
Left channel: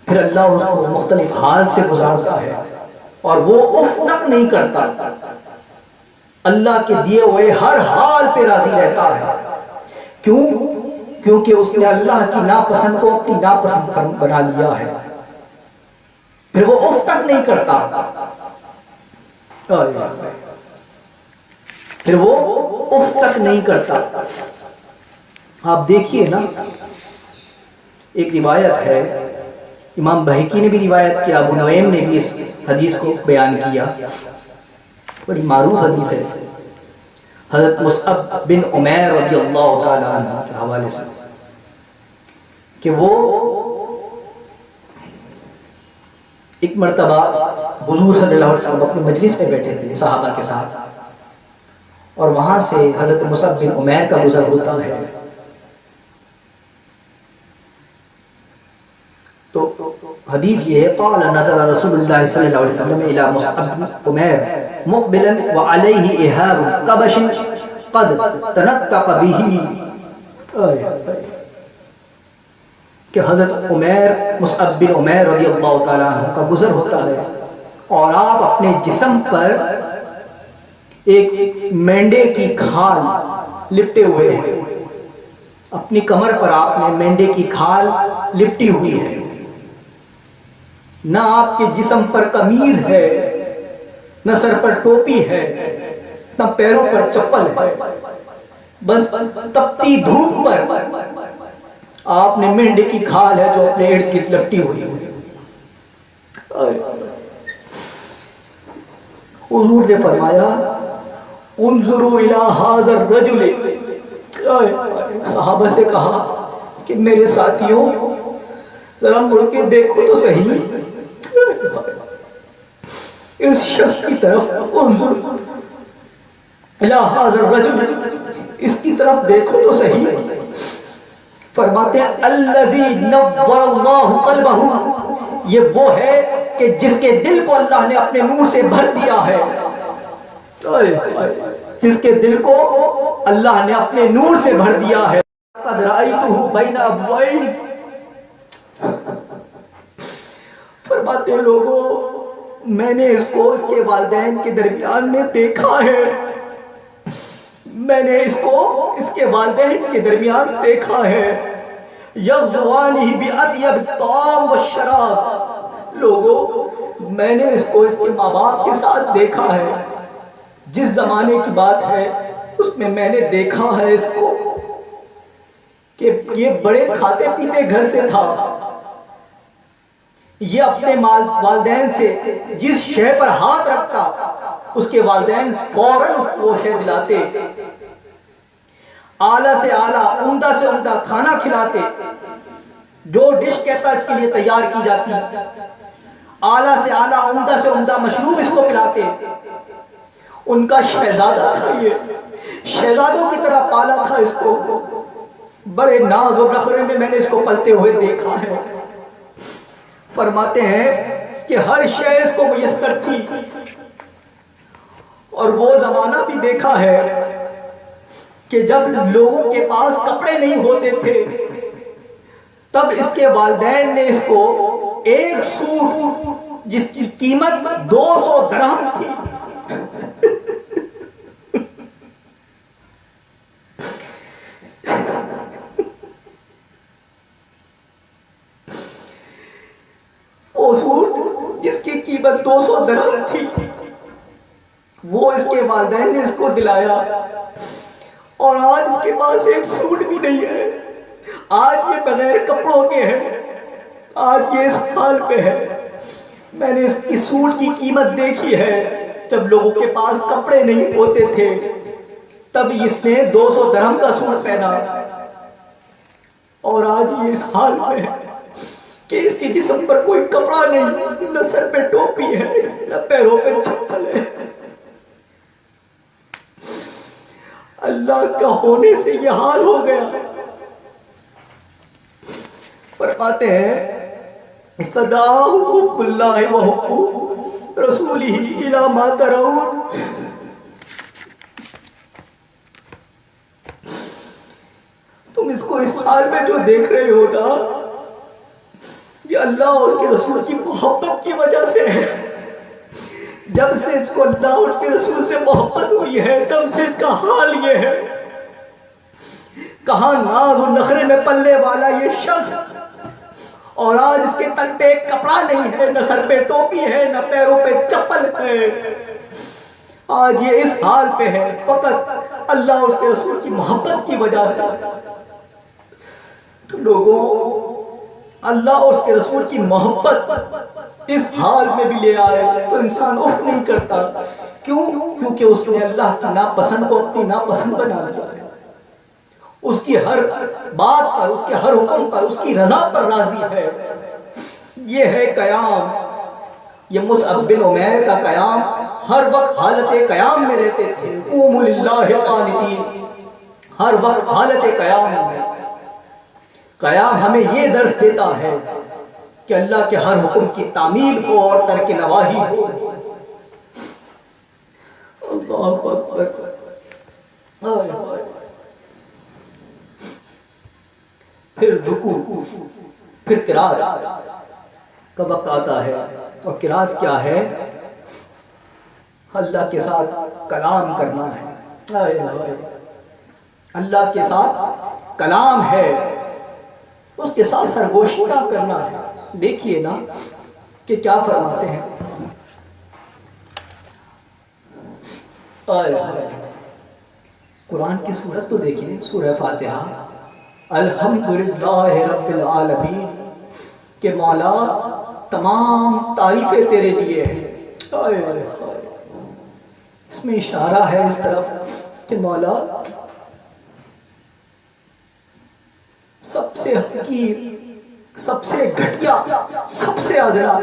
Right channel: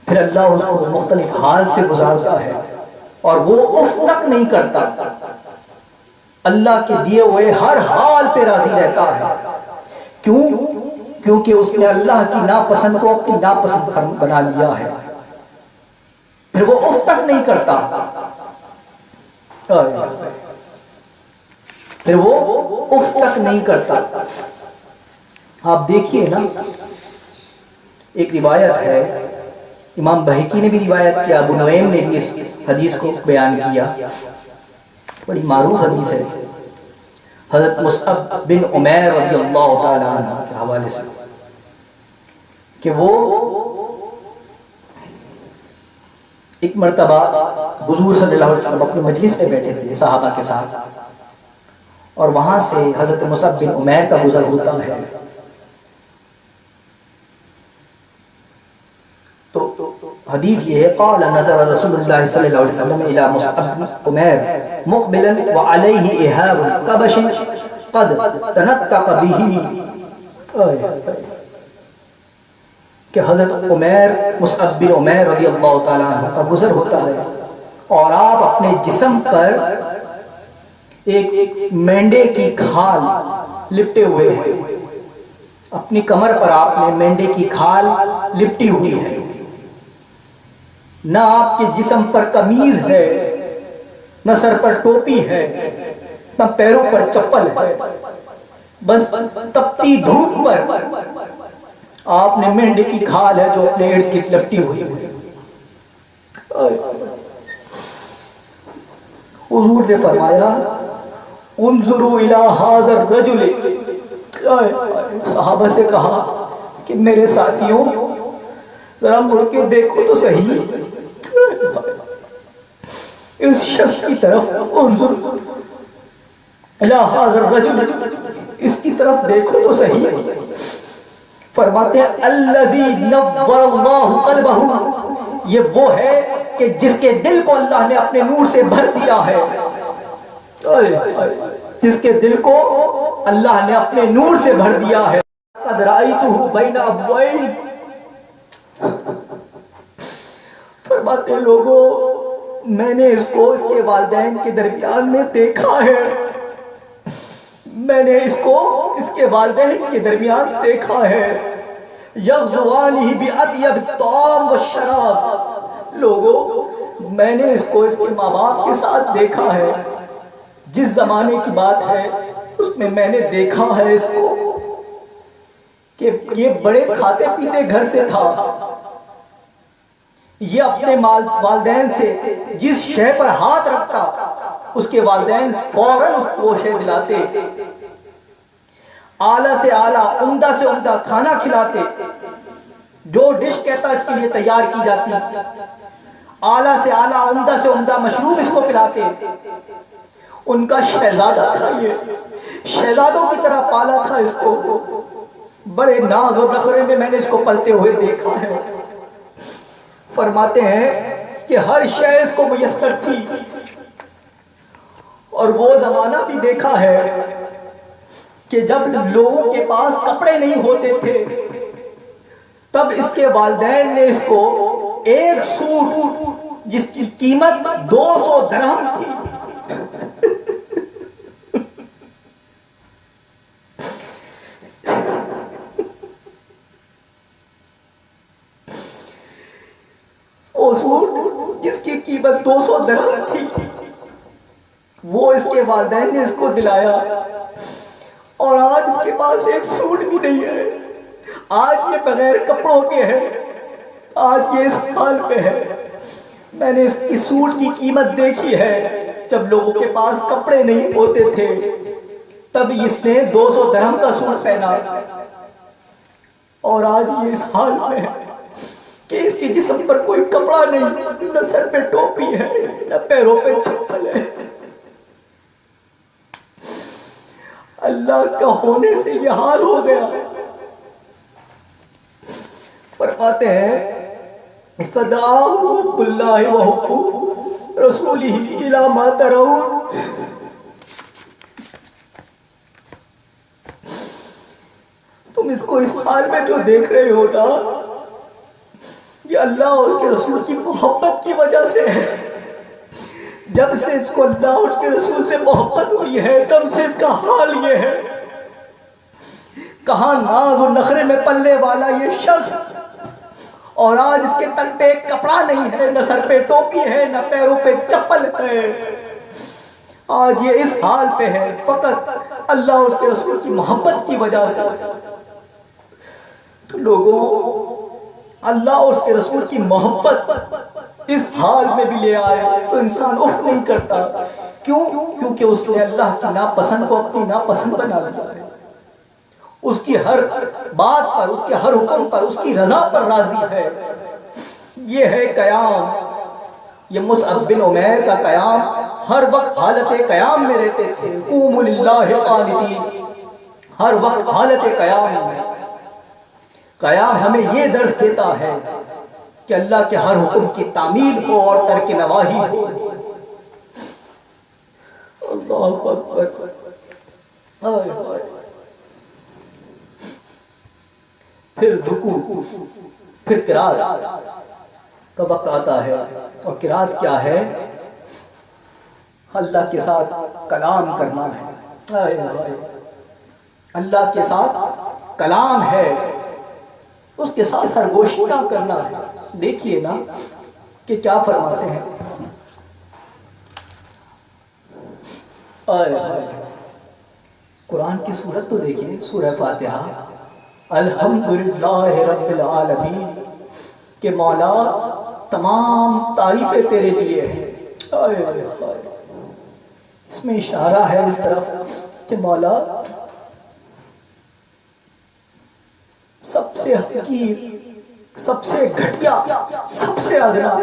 پھر اللہ اس کو مختلف حال سے گزارتا ہے اور وہ اف تک نہیں کرتا، اللہ کے دیے ہوئے ہر حال پہ راضی رہتا ہے۔ کیوں؟ کیونکہ اس نے اللہ کی ناپسند کو اپنی ناپسند بنا لیا ہے، پھر وہ اف تک نہیں کرتا، پھر وہ اف تک نہیں کرتا۔ آپ دیکھیے نا، ایک روایت ہے، امام بہقی نے بھی روایت کیا، ابو نعیم نے بھی اس حدیث کو بیان کیا، بڑی معروف حدیث ہے، حضرت مصعب بن عمیر رضی اللہ تعالیٰ عنہ کے حوالے سے، کہ وہ ایک مرتبہ حضور صلی اللہ علیہ وسلم اپنی مجلس میں بیٹھے تھے صحابہ کے ساتھ، اور وہاں سے حضرت مصعب بن عمیر کا گزر ہوتا ہے۔ تو حدیث یہ ہے، قال نظر رسول اللہ صلی اللہ علیہ وسلم الى مصعب بن عمیر مقبلا وعليه اهاب كبش قد تنطق به، کہ حضرت مصعب بن عمیر رضی اللہ تعالیٰ عنہ کا گزر ہوتا ہے اور آپ اپنے جسم پر ایک مینڈے کی کھال لپٹے ہوئے ہیں، اپنی کمر پر آپ نے مینڈے کی کھال لپٹی ہوئی ہے، نہ آپ کے جسم پر قمیض ہے، نہ سر پر ٹوپی ہے، نہ پیروں پر چپل ہے، بس تپتی دھوپ پر آپ نے مینڈے کی کھال ہے جو اپنے ارد گرد لپٹی ہوئی ہے۔ حضور نے فرمایا انظروا الی ھذا الرجل، صحابہ سے کہا کہ میرے ساتھیوں ذرا مڑ کے دیکھو تو صحیح اس شخص کی طرف، انظر الی ھذا الرجل، اس کی طرف دیکھو تو صحیح۔ فرماتے ہیں الذی نور اللہ قلبہ، یہ وہ ہے کہ جس کے دل کو اللہ نے اپنے نور سے بھر دیا ہے، جس کے دل کو اللہ نے اپنے نور سے بھر دیا ہے۔ قد رأیتہ بین ابوین، فرماتے ہیں لوگوں میں نے اس کو اس کے والدین کے درمیان میں دیکھا ہے، میں نے اس کو اس کے والدین کے درمیان دیکھا ہے، یغزوانہ بأطیب الطعام والشراب، لوگوں میں نے اس کو اس کے ماں باپ کے ساتھ دیکھا ہے، جس زمانے کی بات ہے اس میں نے دیکھا ہے اس کو کہ یہ بڑے کھاتے پیتے گھر سے تھا، یہ اپنے والدین سے جس شے پر ہاتھ رکھتا اس کے والدین فوراً اس کو شے دلاتے، اعلیٰ سے اعلیٰ عمدہ سے عمدہ کھانا کھلاتے، جو ڈش کہتا اس کے لیے تیار کی جاتی، اعلیٰ سے اعلیٰ عمدہ سے عمدہ مشروب اس کو پلاتے۔ ان کا شہزادہ تھا، یہ شہزادوں کی طرح پالا تھا اس کو، بڑے ناز و نخرے میں نے اس کو پلتے ہوئے دیکھا ہے۔ فرماتے ہیں کہ ہر شے اس کو میسر تھی، اور وہ زمانہ بھی دیکھا ہے کہ جب لوگوں کے پاس کپڑے نہیں ہوتے تھے تب اس کے والدین نے اس کو ایک سوٹ جس کی قیمت 200 درہم تھی وہ سوٹ جس کی قیمت 200 درہم تھی وہ اس کے والدین نے اس کو دلایا، اور آج اس کے پاس ایک سوٹ بھی نہیں ہے، آج یہ بغیر کپڑوں کے ہے، آج یہ اس حال پہ ہے۔ میں نے اس کی سوٹ کی قیمت دیکھی ہے، جب لوگوں کے پاس کپڑے نہیں ہوتے تھے تب اس نے 200 درہم کا سوٹ پہنا، اور آج یہ اس حال میں ہے کہ اس کے جسم پر کوئی کپڑا نہیں، نہ سر پہ ٹوپی ہے، نہ پیروں پہ چپل ہے۔ اللہ کا ہونے سے یہ حال ہو گیا۔ فرماتے ہیں فَدَعَاهُ حُبُّ اللَّهِ وَحُبُّ رَسُولِهِ إِلَى مَا تَرَوْنَ۔ تم اس کو اس حال میں جو دیکھ رہے ہو نا، یہ اللہ اور اس کے رسول کی محبت کی وجہ سے ہے۔ جب سے اس کو اللہ اور اس کے رسول سے محبت ہوئی ہے تب سے اس کا حال یہ ہے۔ کہاں ناز و نخرے میں پلنے والا یہ شخص، اور آج اس کے تن پہ ایک کپڑا نہیں ہے، نہ سر پہ ٹوپی ہے، نہ پیروں پہ چپل ہے۔ آج یہ اس حال پہ ہے فقط اللہ اور اس کے رسول کی محبت کی وجہ سے۔ تو لوگوں، اللہ اور اس کے رسول کی محبت اس حال میں بھی لے آئے تو انسان اف نہیں کرتا۔ کیوں؟ کیونکہ اس نے اللہ کی ناپسند کو اپنی ناپسند بنا لیا ہے، اس کی ہر بات پر، اس کے ہر حکم پر، اس کی رضا پر راضی ہے۔ یہ ہے قیام، یہ مصعب بن عمیر کا قیام۔ ہر وقت حالت قیام میں رہتے تھے، قوموا للہ قانتین، ہر وقت حالت قیام میں۔ قیام ہمیں یہ درس دیتا ہے کہ اللہ کے ہر حکم کی تعمیل ہو اور ترک نواہی ہو۔ اللہ اکبر، ہائے ہائے۔ پھر رکوع، پھر قرات کا وقت آتا ہے، اور قرات کیا ہے؟ اللہ کے ساتھ کلام کرنا ہے۔ ہائے ہائے، اللہ کے ساتھ کلام ہے، اس کے ساتھ سرگوشی کا کرنا ہے۔ دیکھیے نا کہ کیا فرماتے ہیں، آئے ہائے، قرآن کی سورت تو دیکھیے، سورہ فاتحہ، الحمدللہ رب العالمین، کہ مولا تمام تعریفیں تیرے لیے ہیں۔ آئے ہائے، اس میں اشارہ ہے اس طرف کہ مولا سب سے حقیر، سب سے گھٹیا، سب سے ادنا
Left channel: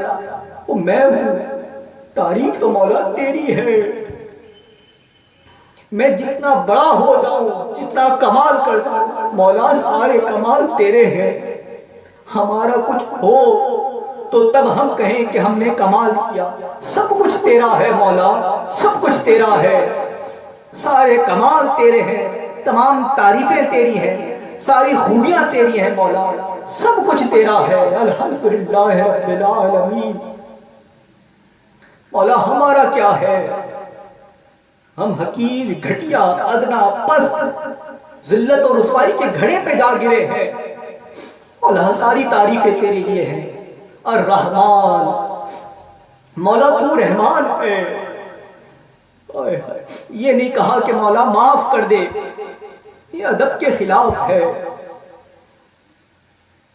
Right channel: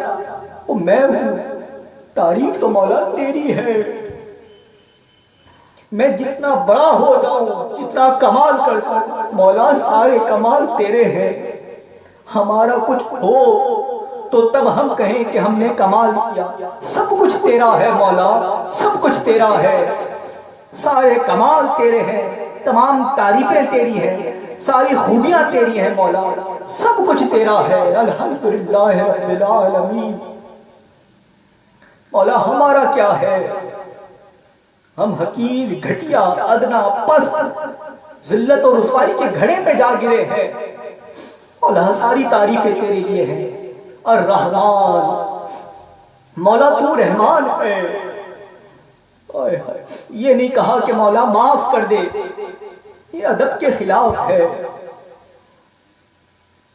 وہ میں ہوں، تعریف تو مولا تیری ہے۔ میں جتنا بڑا ہو جاؤں، جتنا کمال کر جاؤں، مولا سارے کمال تیرے ہیں۔ ہمارا کچھ ہو تو تب ہم کہیں کہ ہم نے کمال کیا۔ سب کچھ تیرا ہے مولا، سب کچھ تیرا ہے، سارے کمال تیرے ہیں، تمام تعریفیں تیری ہیں، ساری خوبیاں تیری ہیں مولا، سب کچھ تیرا ہے۔ الحمدللہ رب العالمین۔ مولا ہمارا کیا ہے؟ ہم حقیر، گھٹیا، ادنا، پست، ذلت اور رسوائی کے گھڑے پہ جا گرے ہیں۔ مولا ساری تعریفیں تیرے لیے ہیں۔ الرحمن، مولا تو رحمان ہے۔ یہ نہیں کہا کہ مولا معاف کر دے، یہ ادب کے خلاف ہے۔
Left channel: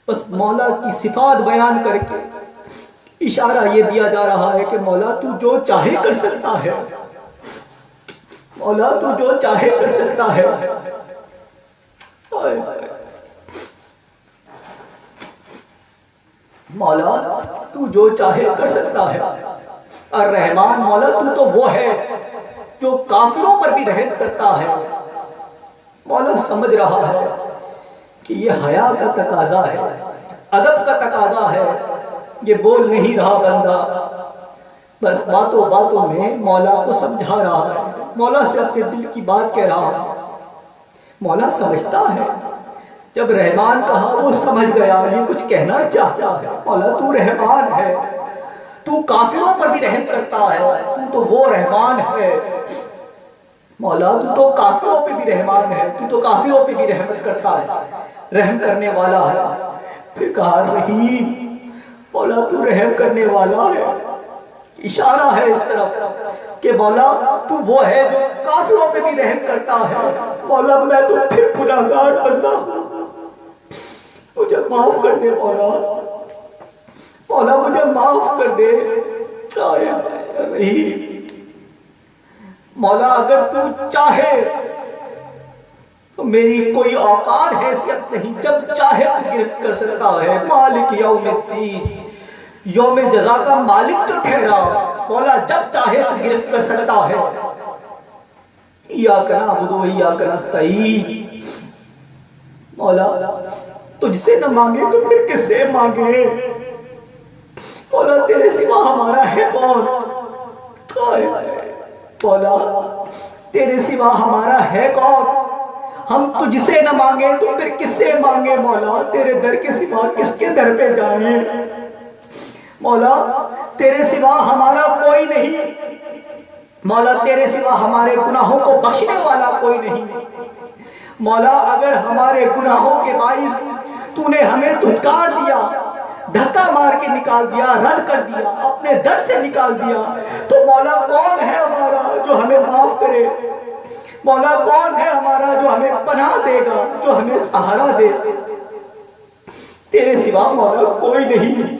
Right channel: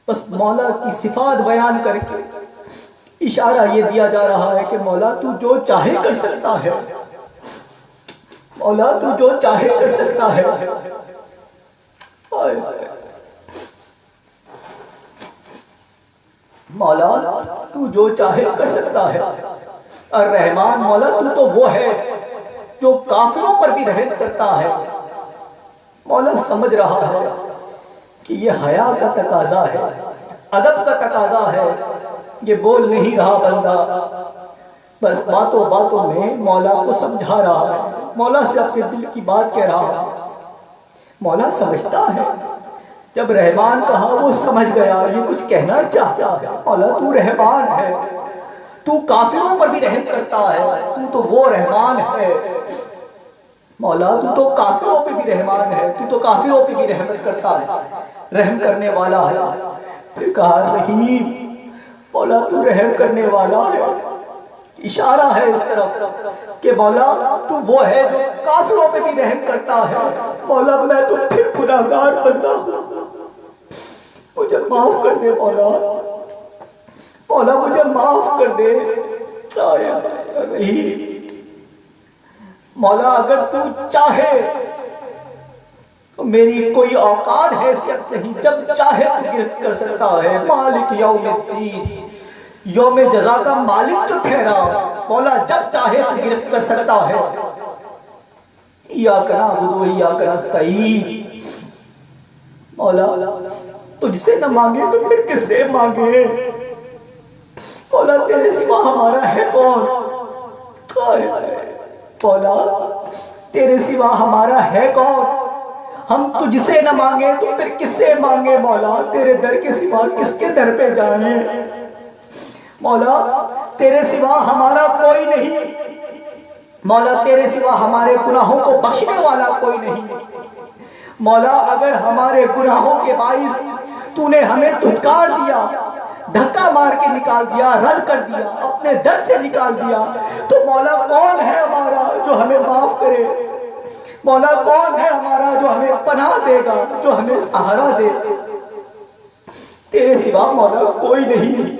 بس مولا کی صفات بیان کر کے اشارہ یہ دیا جا رہا ہے کہ مولا تو جو چاہے کر سکتا ہے، مولا تو جو چاہے کر سکتا ہے۔ مولا تو جو چاہے کر سکتا ہے۔ الرحمن، مولا تو وہ ہے جو کافروں پر بھی رحم کرتا ہے۔ مولا سمجھ رہا ہے کہ یہ حیا کا تقاضا ہے، ادب کا تقاضا ہے، یہ بول نہیں رہا بندہ، بس باتوں باتوں میں مولا کو سمجھا رہا ہے، مولا سے اپنے دل کی بات کہہ رہا ہے۔ مولا سمجھتا ہے، جب رحمان کہا وہ سمجھ گیا یہ کچھ کہنا چاہتا ہے۔ مولا تو رحمان ہے، تو کافروں پر بھی رحم کرتا ہے، تو تو وہ رحمان ہے۔ مولا تو تو کافروں پہ بھی رحمان ہے، تو تو کافروں پہ بھی رحمت کرتا ہے، رحم کرنے والا ہے۔ پھر کہا رحیم، مولا تو رحم کرنے والا ہے، اشارہ ہے اس طرف کہ مولا تو وہ ہے جو کافروں پہ بھی رحم کرتا ہے۔ مولا میں تو پھر گناہگار بندہ ہوں، مجھے معاف کر دے مولا، مولا مجھے معاف کر دے۔ رحیم مولا اگر تو چاہے تو میری کوئی اوقات حیثیت نہیں، جب چاہے تو گرفت کر سکتا ہے۔ مالک یوم الدین، یوم جزا کا مالک جو ٹھہرا، مولا جب چاہے تو گرفت کر سکتا ہے۔ ایاک نعبد و ایاک نستعین، مولا تجھ سے نہ مانگے تو پھر کس سے مانگے؟ مولا تیرے سوا ہمارا ہے کون؟ مولا تیرے سوا ہمارا ہے کون؟ ہم تجھ سے نہ مانگے تو پھر کس سے مانگے؟ مولا تیرے در کے سوا کس کے در پہ جائیں؟ مولا تیرے سوا ہمارا کوئی نہیں، مولا تیرے سوا ہمارے گناہوں کو بخشنے والا کوئی نہیں۔ مولا اگر ہمارے گناہوں کے باعث تو نے ہمیں دھتکار دیا، دھکا مار کے نکال دیا، رد کر دیا، اپنے در سے نکال دیا، تو مولا کون ہے ہمارا جو ہمیں معاف کرے؟ مولا کون ہے ہمارا جو ہمیں پناہ دے گا، جو ہمیں سہارا دے؟ تیرے سوا مولا کوئی نہیں۔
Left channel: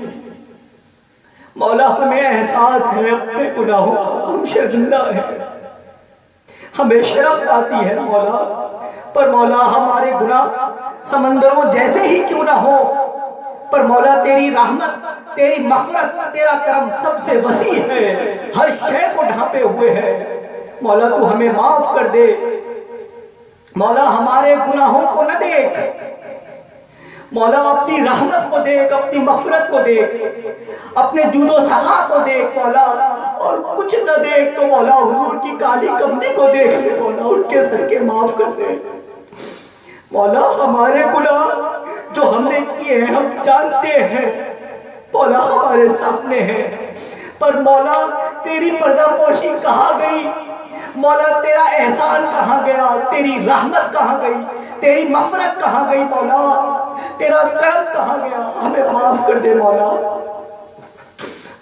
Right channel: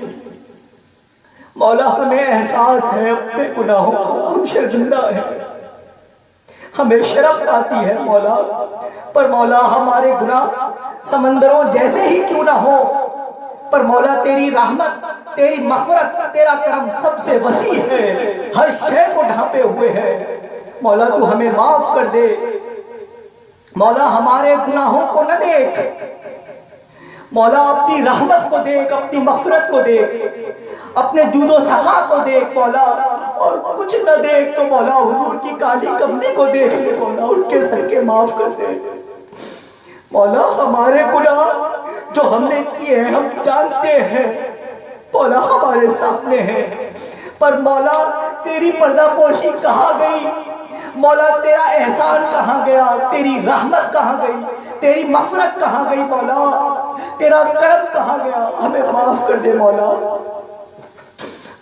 مولا ہمیں احساس ہے اپنے گناہوں کا، ہم شرمندہ ہیں، ہمیں شرم آتی ہے مولا، پر مولا ہمارے گناہ سمندروں جیسے ہی کیوں نہ ہو، پر مولا تیری رحمت، تیری مغفرت، تیرا کرم سب سے وسیع ہے، ہر شے کو ڈھانپے ہوئے ہے۔ مولا تو ہمیں معاف کر دے، مولا ہمارے گناہوں کو نہ دیکھ، مولا اپنی رحمت کو دیکھ، اپنی مغفرت کو دیکھ، اپنے جود و سخا کو دیکھ مولا، اور کچھ نہ دیکھ تو مولا حضور کی کالی کمنی کو دیکھ لے مولا، ان کے صدقے معاف کر دے۔ مولا ہمارے گناہ جو ہم نے کیے ہیں ہم جانتے ہیں مولا، ہمارے سامنے ہیں، پر مولا تیری پردہ پوشی کہاں گئی؟ مولا تیرا احسان کہاں گیا؟ تیری رحمت کہاں گئی؟ تیری مغفرت کہاں گئی مولا؟ تیرا کرم کہاں گیا؟ ہمیں معاف کر دے مولا۔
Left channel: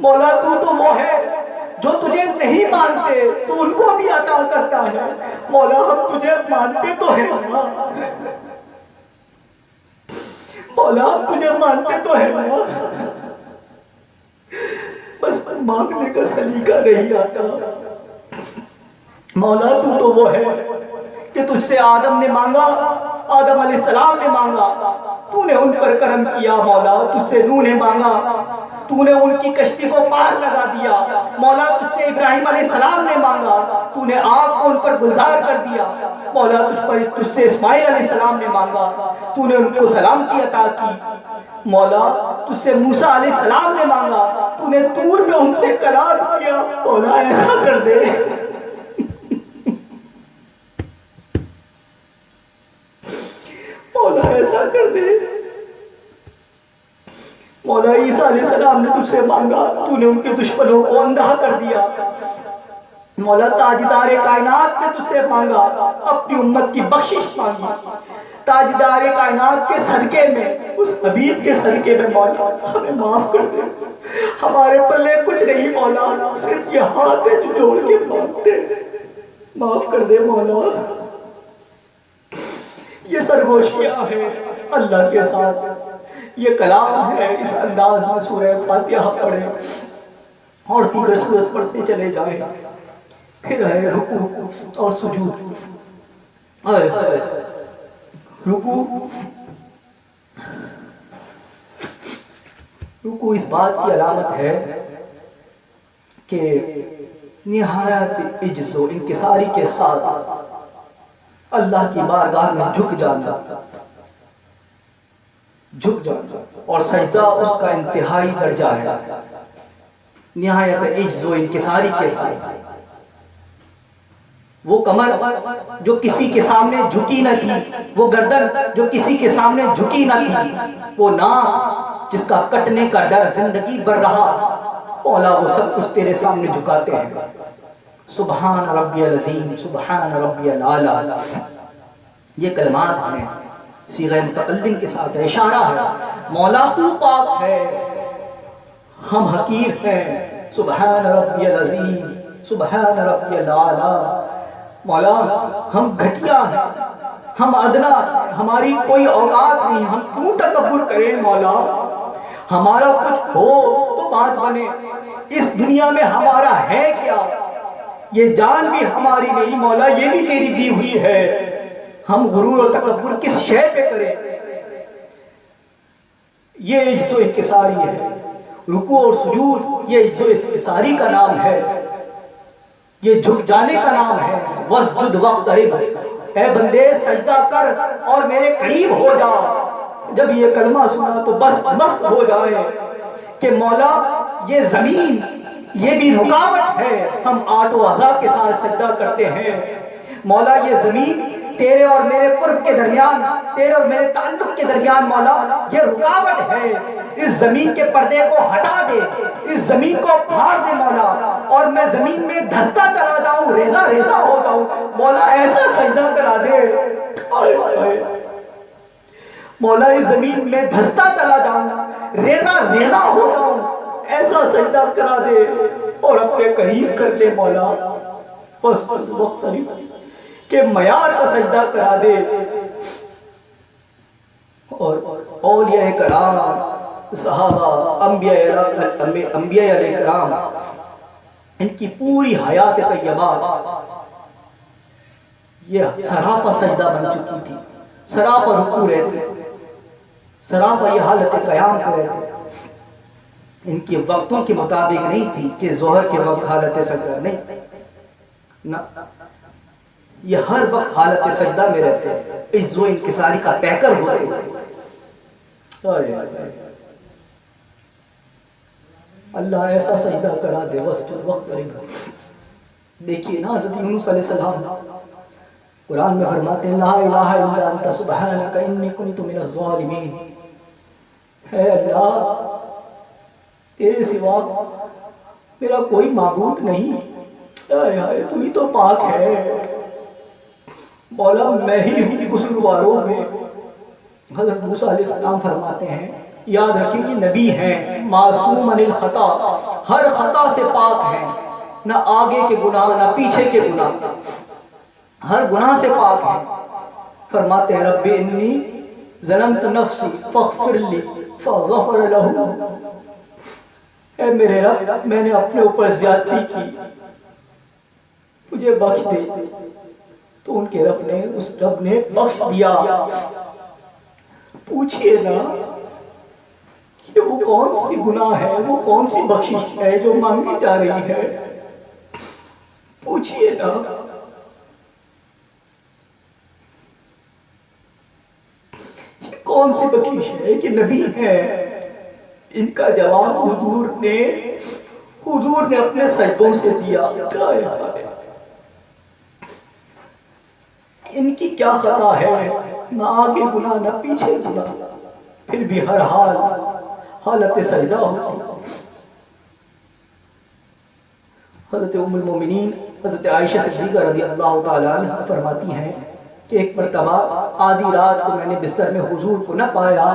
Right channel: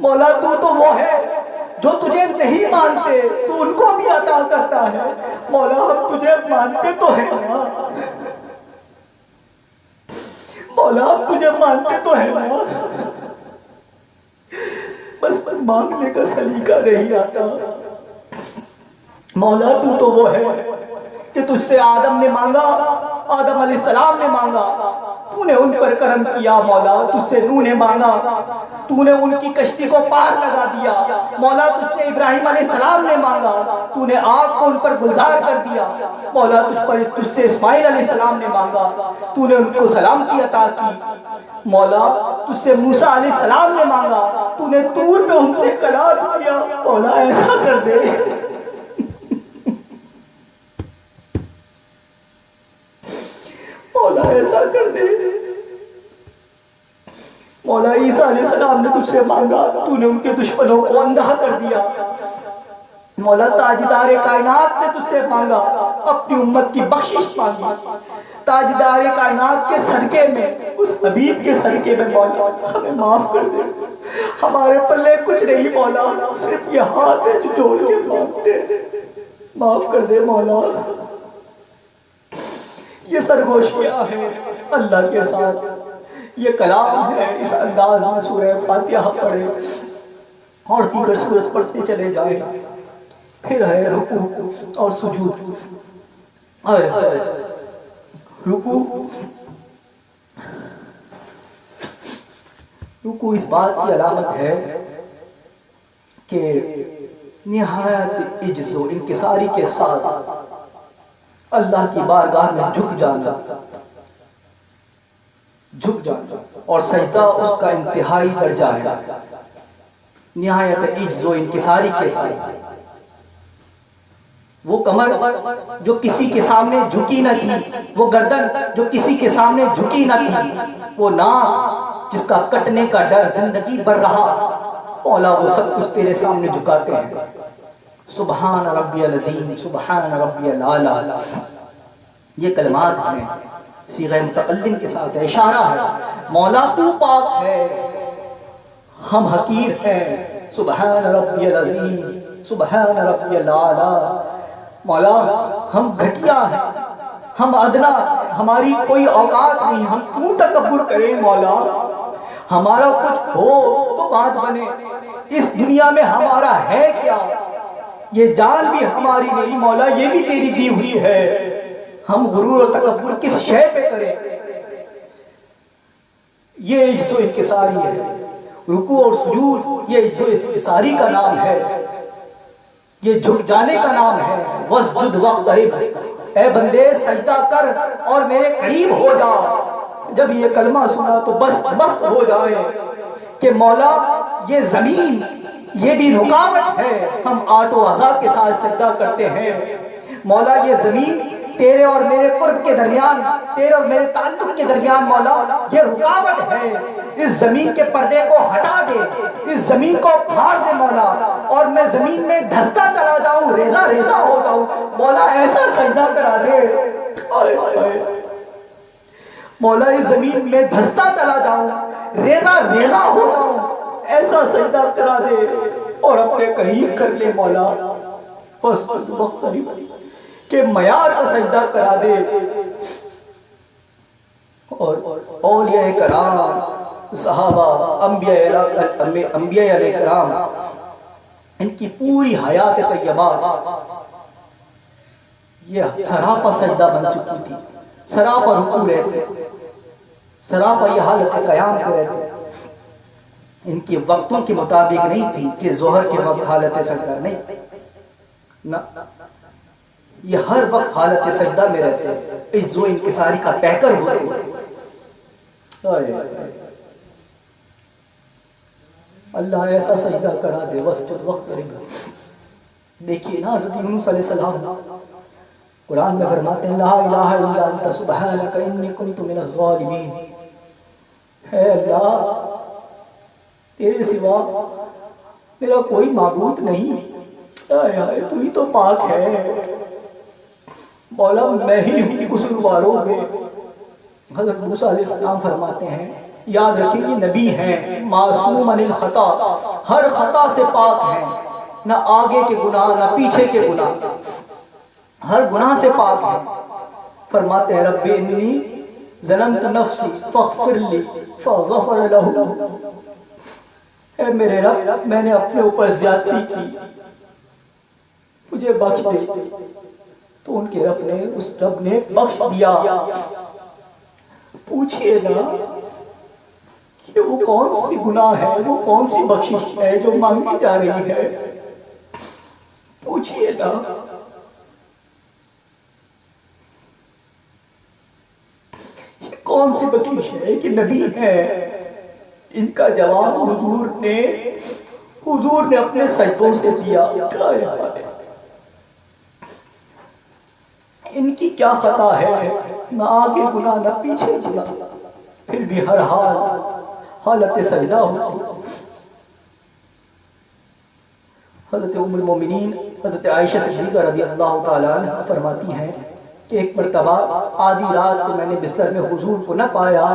مولا تو وہ ہے جو تجھے نہیں مانتے تو ان کو بھی عطا کرتا ہے، مولا ہم تجھے مانتے تو ہیں نا، مولا ہم تجھے مانتے تو ہیں نا، بس مانگنے کا سلیقہ نہیں آتا۔ مولا تو وہ ہے کہ تجھ سے آدم نے مانگا، آدم علیہ السلام نے مانگا، تو نے ان پر کرم کیا مولا، تجھ سے نوح نے مانگا، تو نے ان کی کشتی کو پار لگا دیا مولا، تجھ سے ابراہیم علیہ السلام نے مانگا، تو نے آگ کو ان پر گلزار کر دیا مولا، تجھ سے اسماعیل علیہ السلام نے مانگا، تو نے ان کو سلامتی عطا کی مولا، تجھ سے موسیٰ علیہ السلام نے مانگا، تو نے طور پہ ان سے کلام کیا مولا، ایسا کر دے مولا، ایسا کر دے مولا۔ عیسیٰ علیہ السلام نے تجھ سے مانگا، تو نے ان کے دشمنوں کو اندھا کر دیا مولا۔ تاجدار کائنات نے تجھ سے مانگا، اپنی امت کی بخشش مانگی، تاجدار کائنات کے صدقے میں، اس حبیب کے صدقے میں مولا ہمیں معاف کر دے۔ ہمارے پلے کچھ نہیں مولا، صرف یہ ہاتھ ہے جو جوڑ کے مانگتے ہیں، معاف کر دے مولا۔ یہ سرگوشیاں ہیں اللہ کے ساتھ، یہ کلام ہے، اس انداز میں سورہ فاتحہ پڑھیں اور دیگر سورت پڑھتے چلے جائیں، پھر ہے رکوع اور سجود۔ رکوع اس بات کی علامت ہے کہ نہایت عجز و انکساری کے ساتھ اللہ کی بارگاہ میں جھک جانا، اور سجدہ اس کا انتہائی درجہ ہے، نہایت عجز و انکساری کے ساتھ۔ وہ کمر جو کسی کے سامنے جھکی نہ تھی، وہ گردن جو کسی کے سامنے جھکی نہ تھی، وہ ناک جس کا کٹنے کا ڈر زندگی بھر رہا، مولا وہ سب کچھ تیرے سامنے جھکاتے ہیں۔ سبحان ربی العظیم، سبحان ربی الاعلیٰ، یہ کلمات ہیں، صیغہ متکلم کے ساتھ اشارہ ہے مولا تو پاک ہے، ہم حقیر ہیں، سبحان ربی العظیم، سبحان ربی الاعلیٰ۔ مولا ہم گھٹیا ہیں، ہم ادنا ہیں، ہماری کوئی اوقات نہیں، ہم کیوں تکبر کریں مولا؟ ہمارا کچھ ہو تو بات بنے، اس دنیا میں ہمارا ہے کیا؟ یہ جان بھی ہماری نہیں مولا، یہ بھی تیری دی ہوئی ہے، ہم غرور و تکبر کس شے پہ کریں؟ یہ عجز و انکساری ہے، رکوع اور سجود یہ عجز و انکساری کا نام ہے، یہ جھک جانے کا نام ہے۔ واسجد واقترب، اے بندے سجدہ کر اور میرے قریب ہو جا۔ جب یہ کلمہ سنا تو بس مست ہو جائے کہ مولا یہ زمین یہ بھی رکاوٹ ہے، ہم آٹ و عزا کے ساتھ سجدہ کرتے ہیں۔ مولا یہ زمین تیرے اور میرے قرب کے درمیان، تیرے اور میرے تعلق کے درمیان مولا یہ رکاوٹ ہے، اس زمین کے پردے کو ہٹا دے، اس زمین کو پھاڑ دے مولا، اور میں زمین میں دھستا چلا جاؤں، ریزہ ریزہ ہو جاؤں مولا، ایسا سجدہ کرا دے۔ آئے آئے مولا اس زمین میں دھستا چلا جاؤں، ریزہ ریزہ ہو جاؤں، ایسا سجدہ کرا دے اور اپنے قریب کر لے مولا۔ بس مختلف کہ معیار کا سجدہ کرا دے۔ اور اولیاء کرام، صحابہ، انبیاء علیہ کرام، ان کی پوری حیات طیبہ یہ سراپا سجدہ بن چکی تھی، سراپا رکوع رہتے، سراپا یہ حالت قیام پہ رہتے۔ ان کے وقتوں کے مطابق نہیں تھی کہ ظہر کے وقت حالت سجدہ نہیں، نہ، یہ ہر وقت حالت سجدہ میں رہتے، عجز و انکساری کا پیکر ہوتے۔ اللہ ایسا سجدہ کرا دے۔ واسجد واقترب، دیکھیے نا حضرت یونس علیہ السلام قرآن میں فرماتے ہیں لا الہ الا انت سبحانک انی کنت من الظالمین، اے اللہ تیرے سوا میرا کوئی معبود نہیں، تو ہی تو پاک ہے مولا، میں ہی ہوں قصورواروں میں۔ حضرت موسیٰ علیہ السلام فرماتے ہیں، یاد رکھیں یہ نبی ہیں، معصوم عن الخطا، ہر خطا سے پاک ہیں، نہ آگے کے گناہ نہ پیچھے کے گناہ، ہر گناہ سے پاک ہیں۔ فرماتے ہیں رب انی ظلمت نفسی فاغفر لی فغفر لہ، اے میرے رب میں نے اپنے اوپر زیادتی کی، مجھے بخش دے۔ تو ان کے رب نے بخش دیا۔ پوچھئے نا کہ وہ کون سی گناہ ہے، وہ کون سی بخشش ہے جو مانگی جا رہی ہے؟ پوچھئے نا۔ یہ کون سی بخشش ہے کہ نبی ہے؟ ان کا جواب حضور نے اپنے سجدوں سے دیا۔ ان کی کیا خطا ہے، نہ آگے گناہ نہ پیچھے گناہ، پھر بھی ہر حال حالت سجدہ ہوتی۔ حضرت ام المومنین حضرت عائشہ صدیقہ رضی اللہ تعالیٰ عنہ فرماتی ہیں کہ ایک مرتبہ آدھی رات کو میں نے بستر میں حضور کو نہ پایا،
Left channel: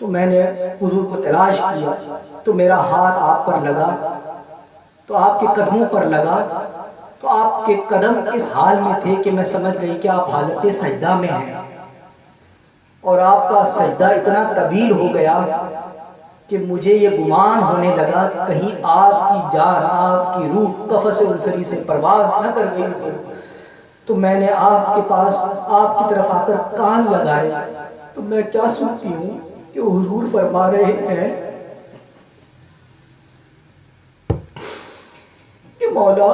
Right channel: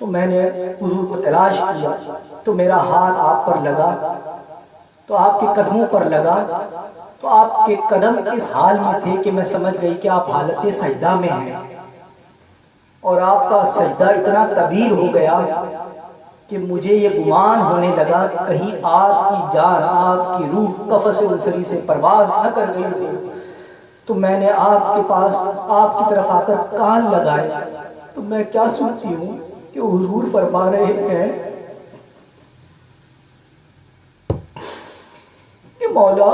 تو میں نے حضور کو تلاش کیا، تو میرا ہاتھ آپ پر لگا، تو آپ کے قدموں پر لگا، تو آپ کے قدم اس حال میں تھے کہ میں سمجھ گئی کہ آپ حالت سجدہ میں ہیں، اور آپ کا سجدہ اتنا طویل ہو گیا کہ مجھے یہ گمان ہونے لگا کہیں آپ کی جان، آپ کی روح قفس انصری سے پرواز نہ کر گئی ہو۔ تو میں نے آپ کے پاس، آپ کی طرف آ کر کان لگائے، تو میں کیا سنتی ہوں کہ حضور فرما رہے ہیں کہ مولا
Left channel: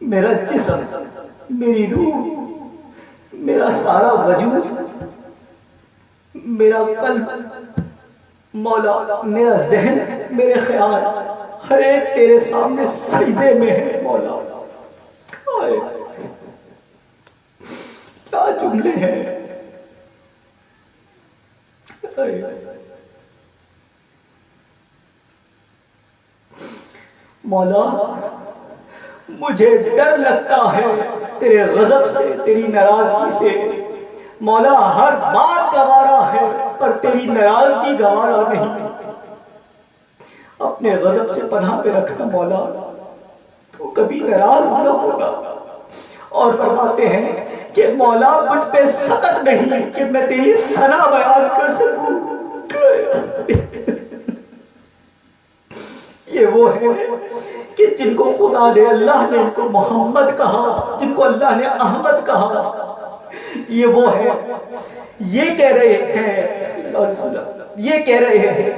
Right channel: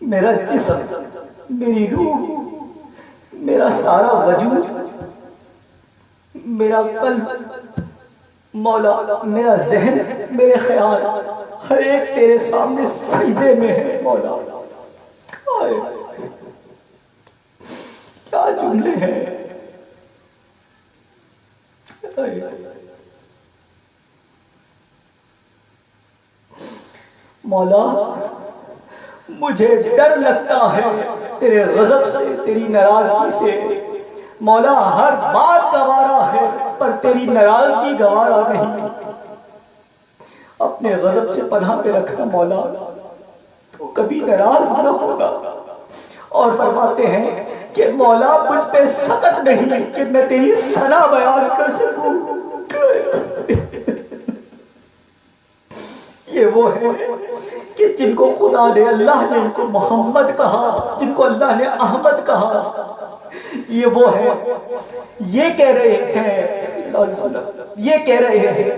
میرا جسم، میری روح، میرا سارا وجود، میرا قلب مولا، میرا ذہن، میرے خیال، ہر ایک تیرے سامنے سجدے میں ہے مولا۔ کیا جملے ہیں مولا، مجھے ڈر لگتا ہے تیرے غضب سے، تیری ناراضگی سے مولا، ہر بات گوارا ہے پر تیری ناراضگی گوارا نہیں۔ اپنے غضب سے پناہ میں رکھنا مولا، تو کبھی ناراض نہ ہونا۔ اور فرماتے ہیں کہ مولا مجھ پہ سخت نہیں کہ میں تیری ثنا بیان کر سکوں۔ یہ وہ ہے کہ جن کو خدا نے، اللہ نے ان کو محمد کہا، جن کو اللہ نے احمد کہا، یہ وہ ہے۔ یہ کہہ رہے ہیں صلی اللہ علیہ وسلم، یہ کہہ رہے ہیں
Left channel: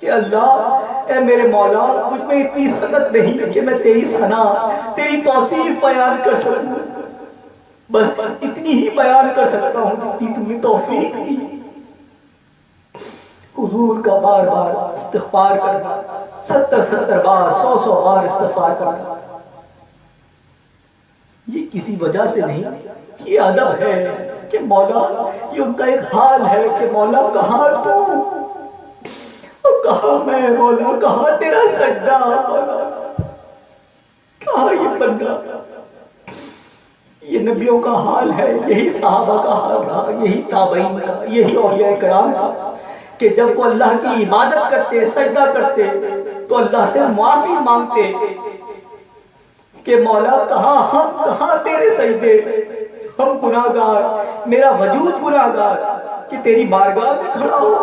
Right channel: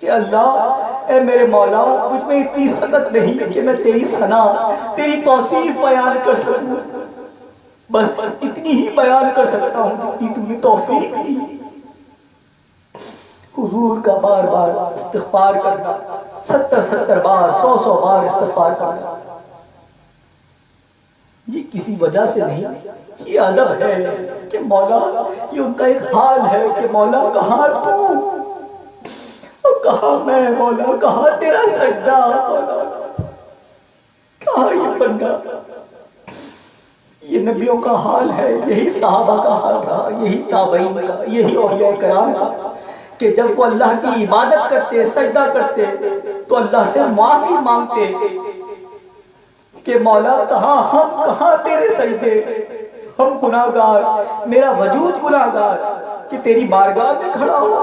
کہ اللہ اے میرے مولا مجھ میں اتنی سخت نہیں کہ میں تیری ثنا، تیری توصیف بیان کر سکوں، بس اتنی ہی بیان کر سکتا ہوں جتنی تم نے توفیق دی۔ حضور کا بار بار استغفار کرنا، 70 بار، 100 بار استغفار کرنا، یہ کسی وجہ سے نہیں، یہ ادب ہے کہ مولا، یہ ان کا ایک حال ہے کہ مولا کہاں تو، اور کہاں میں مولا، کہاں تیرا سجدہ مولا، کہاں یہ بندہ۔ یہ نبیوں کا حال ہے، یہی صحابہ کا حال رہا، یہی تابعین کا، یہی اولیاء کرام کا، کہ جب وہ اللہ کی عبادت کرتے، سجدہ کرتے، تو اللہ سے معافی مانگتے کہ مولا کہاں ہم، کہاں تیرے سجدے، ہم گناہگار، میرا وجود گناہگار کہ تیری بارگاہ میں کھڑا ہو۔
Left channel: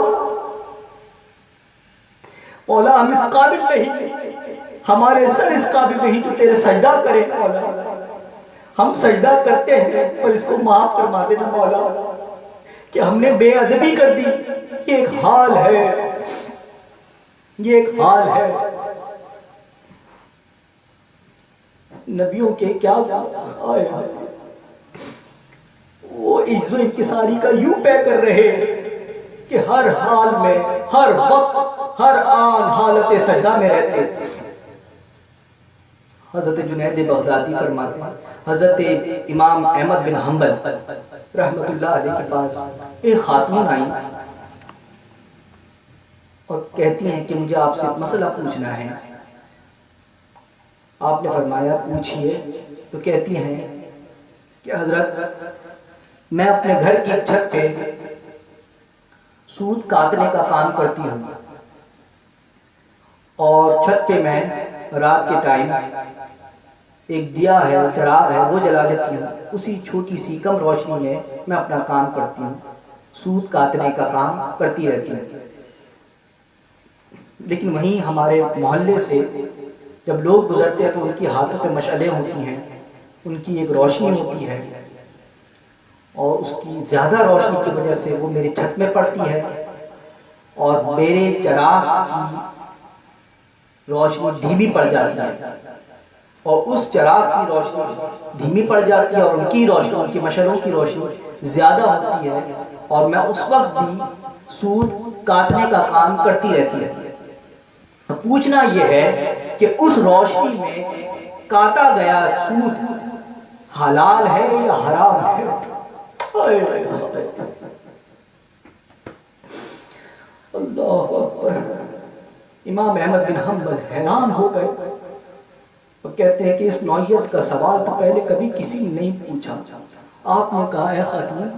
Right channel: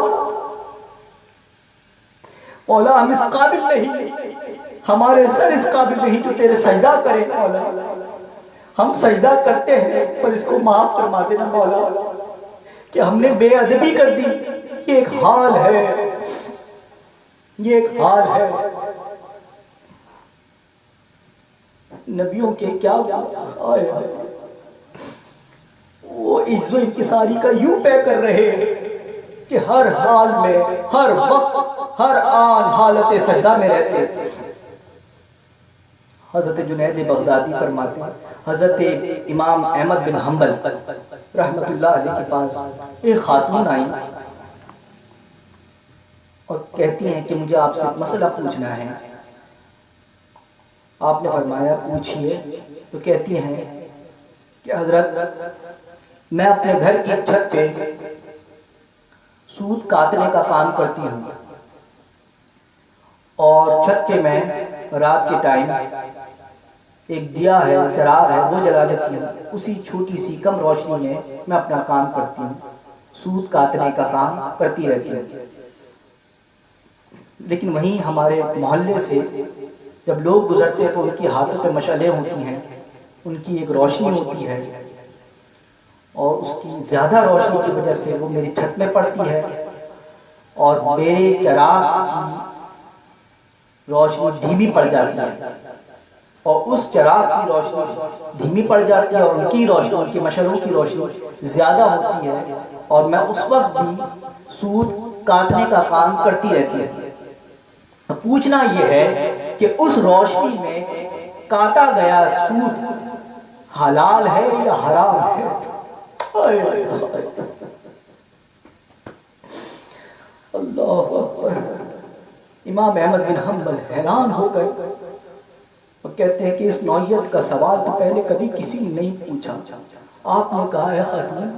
مولا ہم اس قابل نہیں، ہمارے سر اس قابل نہیں جو تیرے سجدہ کریں مولا، ہم سجدہ کرتے ہیں پر اس کو معاف فرما دینا مولا کہ ہم نے بے ادبی کر دی۔ یہ ایک حال ہے، یہ ایک حال ہے۔ نبیوں کے کیا آئے، وہ عجز و انکساری کا یوں پے کر رہے کہ ہر حال میں، ہر وقت، ہر آن حالت سجدہ میں رہتے۔ حضرت جنید بغدادی فرماتے ہیں، حضرت امام احمد بن حنبل رحمت اللہ علیہ کے پاس ایک خاتون آئی اور کہتی ہیں کہ مجھے آپ سے ایک مسئلہ پوچھنا ہے۔ آپ نے فرمایا پوچھئے۔ تو کہتی ہیں کہ حضرت میں اپنے گھر کی چھت پہ سود کاٹنے کا کام کرتی ہوں، اور چھت پہ میں رات کے ٹائم ایک دیا ہے، چراغ ہے، وہ جلا لیتی ہوں، اسی چھوٹی سی کم روشنی میں میں اپنا کام کرتی ہوں، سود کاٹنے کا کام کرتی رہتی ہوں۔ لیکن وہیں ہمارے محلے سے جب لوگ گزرتے ہیں تو ان کی ہاتھوں پہ مشعلیں ہوتی ہیں، ان کی ایک روشنی ہوتی ہے، اور اس کی زیادہ روشنی کی وجہ سے وہ میری چھت میں پڑتی ہے، اور میرے چراغ کی روشنی دھیمی پڑ جاتی ہے، اور اس چراغ کی روشنی دھیمی پڑ جاتی ہے، اور ان کی روشنی، ان کی مشعلوں کی روشنی زیادہ ہوتی ہے، اور میں اس وقت بھی سود کاٹنے کا کام کرتی رہتی ہے۔ پوچھنا یہ ہے کہ اس روشنی میں کاٹا گیا سود حلال ہے یا حرام ہے؟ اللہ اکبر۔ امام احمد بن حنبل حیران ہو گئے اور کہتے ہیں کہ اس نوعیت کا سوال تو پہلے کبھی کسی نے نہیں پوچھا۔ آپ نے کہا اے خاتون،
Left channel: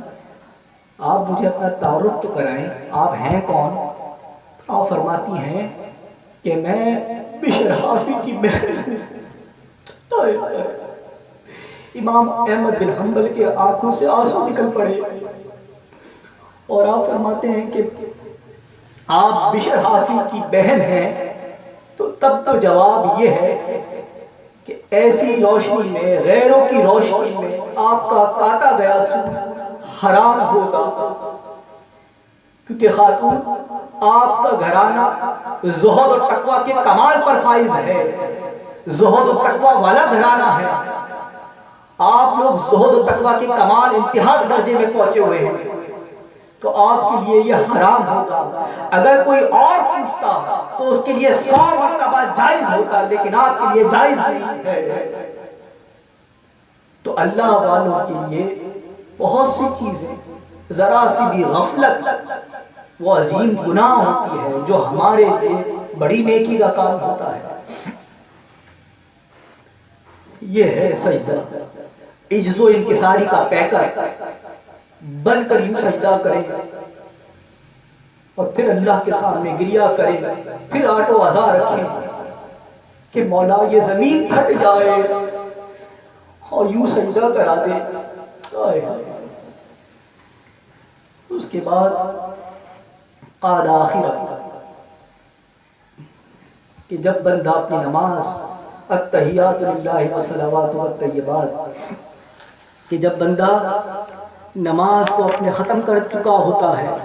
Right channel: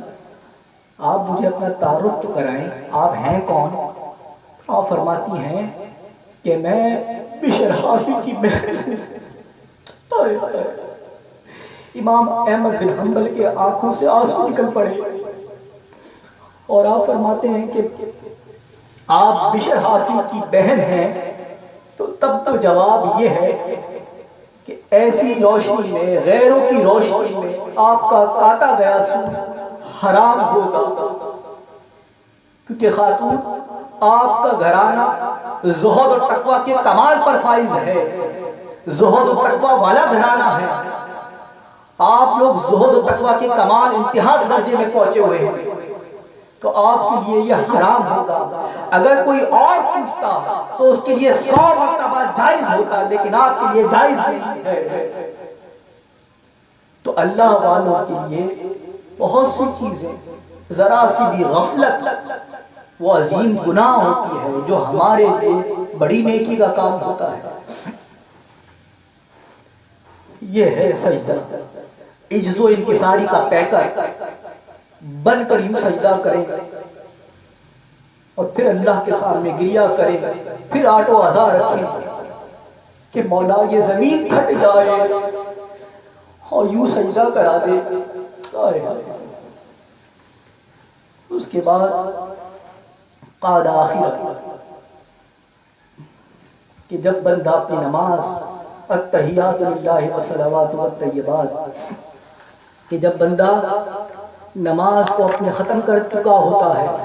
آپ مجھے اپنا تعارف تو کرائیں، آپ ہیں کون؟ آپ فرماتی ہیں کہ میں بشر حافی کی بہن ہوں۔ امام احمد بن حنبل کے آنکھوں سے آنسو نکل پڑے، اور آپ فرماتے ہیں کہ آپ بشر حافی کی بہن ہیں، تو تب تو جواب یہ ہے کہ ایسی روشنی میں، غیروں کی روشنی میں آپ کا کاٹا گیا سود حرام ہوگا، کیونکہ خاتون آپ کا گھرانہ زہد اور تقوی کے کمال پر فائز ہے، زہد اور تقوی والا گھرانہ ہے، آپ لوگ زہد و تقوی کے کمال انتہا درجے میں پہنچے ہوئے ہیں، تو آپ کے لیے یہ حرام ہوگا۔ اگر کوئی اور پوچھتا تو اس کے لیے 100 مرتبہ جائز ہوتا، لیکن آپ کے لیے جائز نہیں ہے۔ تو اللہ والوں کے لیے بہت سی چیزیں، ذرا سی بھی غفلت وہ عظیم گناہ ہوتی ہے، جو ہمارے لیے بڑی نیکی کا کام ہوتا ہے۔ یہ ہے سجدہ، عجز و انکساری کا پیکر بن کر یوں سجدہ کریں، اور پھر اللہ کے سامنے گریہ کریں پھر آٹو ازا رکھیں کہ مولا یہ زمین پھٹ جائے اور یوں سجدہ کرا دے. اس کے بعد قاد آخر کہ جب بندہ اپنی نماز التحیات للہ والصلوات والطیبات کہ جب بندہ نماز کو اپنے ختم کر چکا ہوتا ہے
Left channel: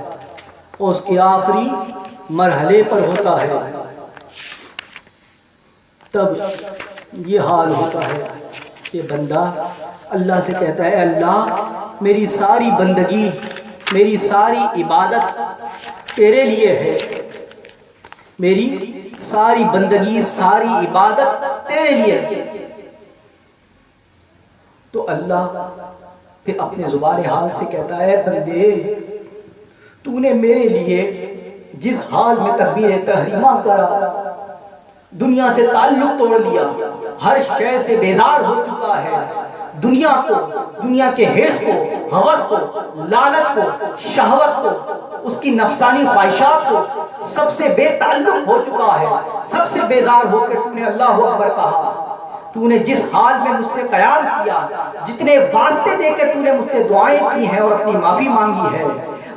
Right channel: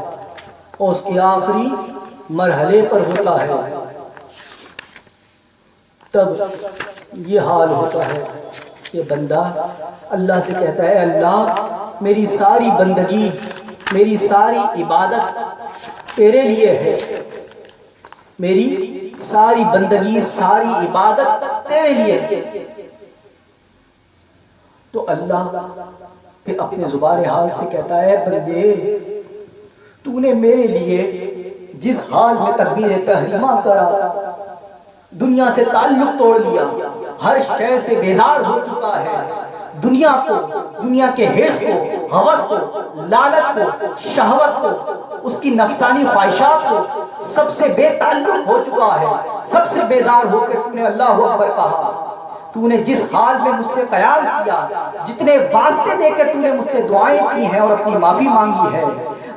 اور اس کے آخری مرحلے پر ہوتا ہے تب یہ حال ہوتا ہے کہ بندہ اللہ سے کہتا ہے اللہ میری ساری بندگی میری ساری عبادت تیرے لیے ہے، میری ساری بندگی ساری عبادت تیرے لیے ہے. تو اللہ پھر اپنے زبان حال سے کہتا ہے بندے تو نے میرے لیے جس حال میں تکبیر تحریمہ کرا، دنیا سے تعلق توڑ لیا، ہر شے سے بیزار ہو چکا ہے، دنیا کو، دنیا کے حرص کو، ہوس کو، لالچ کو، شہوت کو، اس کی نفسانی خواہشات کو، سب سے بے تعلق ہو چکا ہے، سب سے بیزار ہو کے تو نے اللہ اکبر کہا. تو نے جس حال میں مجھ سے قیام کیا، جتنے واسطے دے کے تو نے مجھ سے دعائیں کی ہیں اور اپنی معافی مانگی ہے،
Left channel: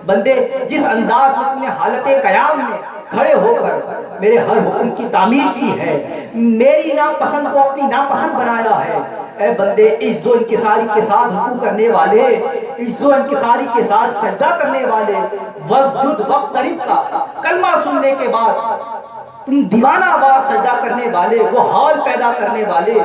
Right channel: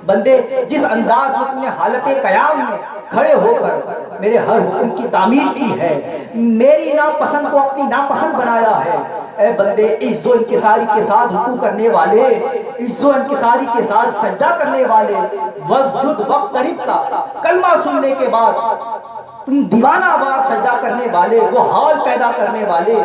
بندے جس انداز میں تو نے حالت قیام میں کھڑے ہو کر میرے ہر حکم کی تعمیل کی ہے، میری ناپسند کو اپنی ناپسند بنایا ہے، اے بندے عز و انکساری کے ساتھ رکوع کرنے والے، عز و انکساری کے ساتھ سجدہ کرنے والے، واسجد واقترب کا کلمہ سننے کے بعد تم دیوانہ وار سجدہ کرنے والے، وہ حال پیدا کرنے والے،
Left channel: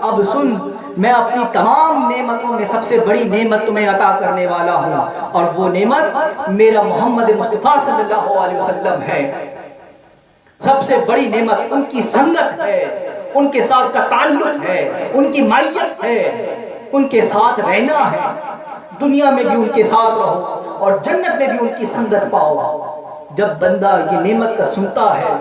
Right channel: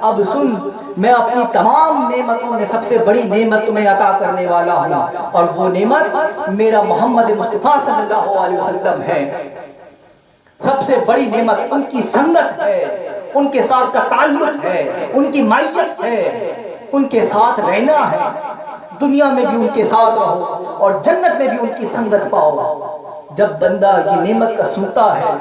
اب سن میں اپنی تمام نعمتوں میں سب سے بڑی نعمت تمہیں عطا کرنے والا ہوں، اور وہ نعمت میرا محمد مصطفیٰ صلی اللہ علیہ وسلم ہے. سب سے بڑی نعمت ان کی سنگت ہے، ان کے ساتھ کا تعلق ہے، ان کی معیت ہے، ان کے ساتھ رہنا ہے. دنیا میں بھی ان کے ساتھ رہو اور جنت میں بھی ان کی سنگت پاؤ. جب بندہ یہ نعمت کا سنتا ہے،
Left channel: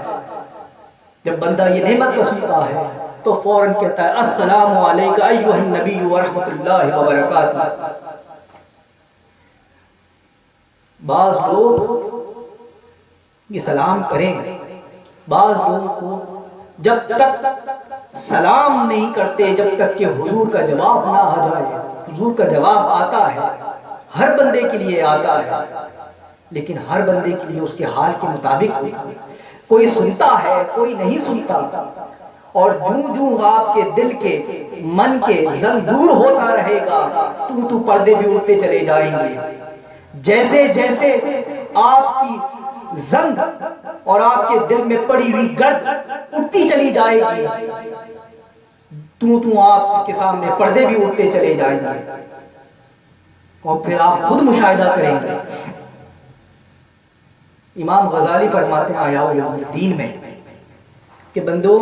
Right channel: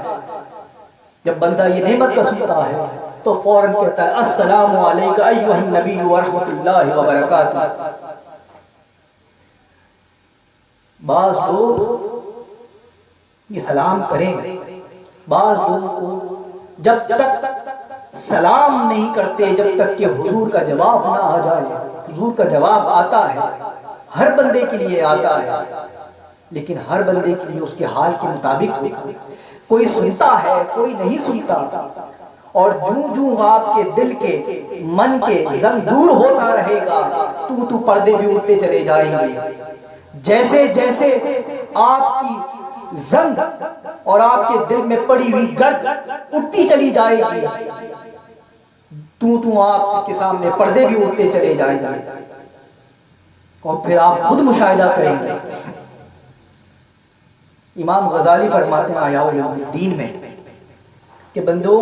جب بندہ یہ نعمت کا سنتا ہے تو فوراً کہتا ہے السلام علیکم ایھا النبی ورحمۃ اللہ وبرکاتہ. بعض لوگ یہ سلام کریں، بعض لوگوں کو جب تک سلام نہیں کرتے جب تک کہ حضور کا جواب نہ آ جائے. حضور کا جواب آتا ہے، ہر بندے کے لیے آتا ہے، لیکن ہر بندے کے لیے اس کے حال کے مطابق ہوتا ہے. کوئی سنتا ہے، کوئی نہیں سنتا، اور جوں جوں آپ کے دل کے من کے زنگ دور ہوتا رہے گا تو پردے بھی اٹھتے چلے جائیں گے. جیسے جیسے آپ کی زنگ اور آپ کے دل میں پڑی ہوئی گرد اٹھتی چلی جائے گی تو آپ کے سامنے پردے بھی اٹھتے چلے جائیں گے، اور پھر آپ خود مشاہدہ کریں گے. امام غزالی فرماتے ہیں احیاء الدین میں کہ بندوں،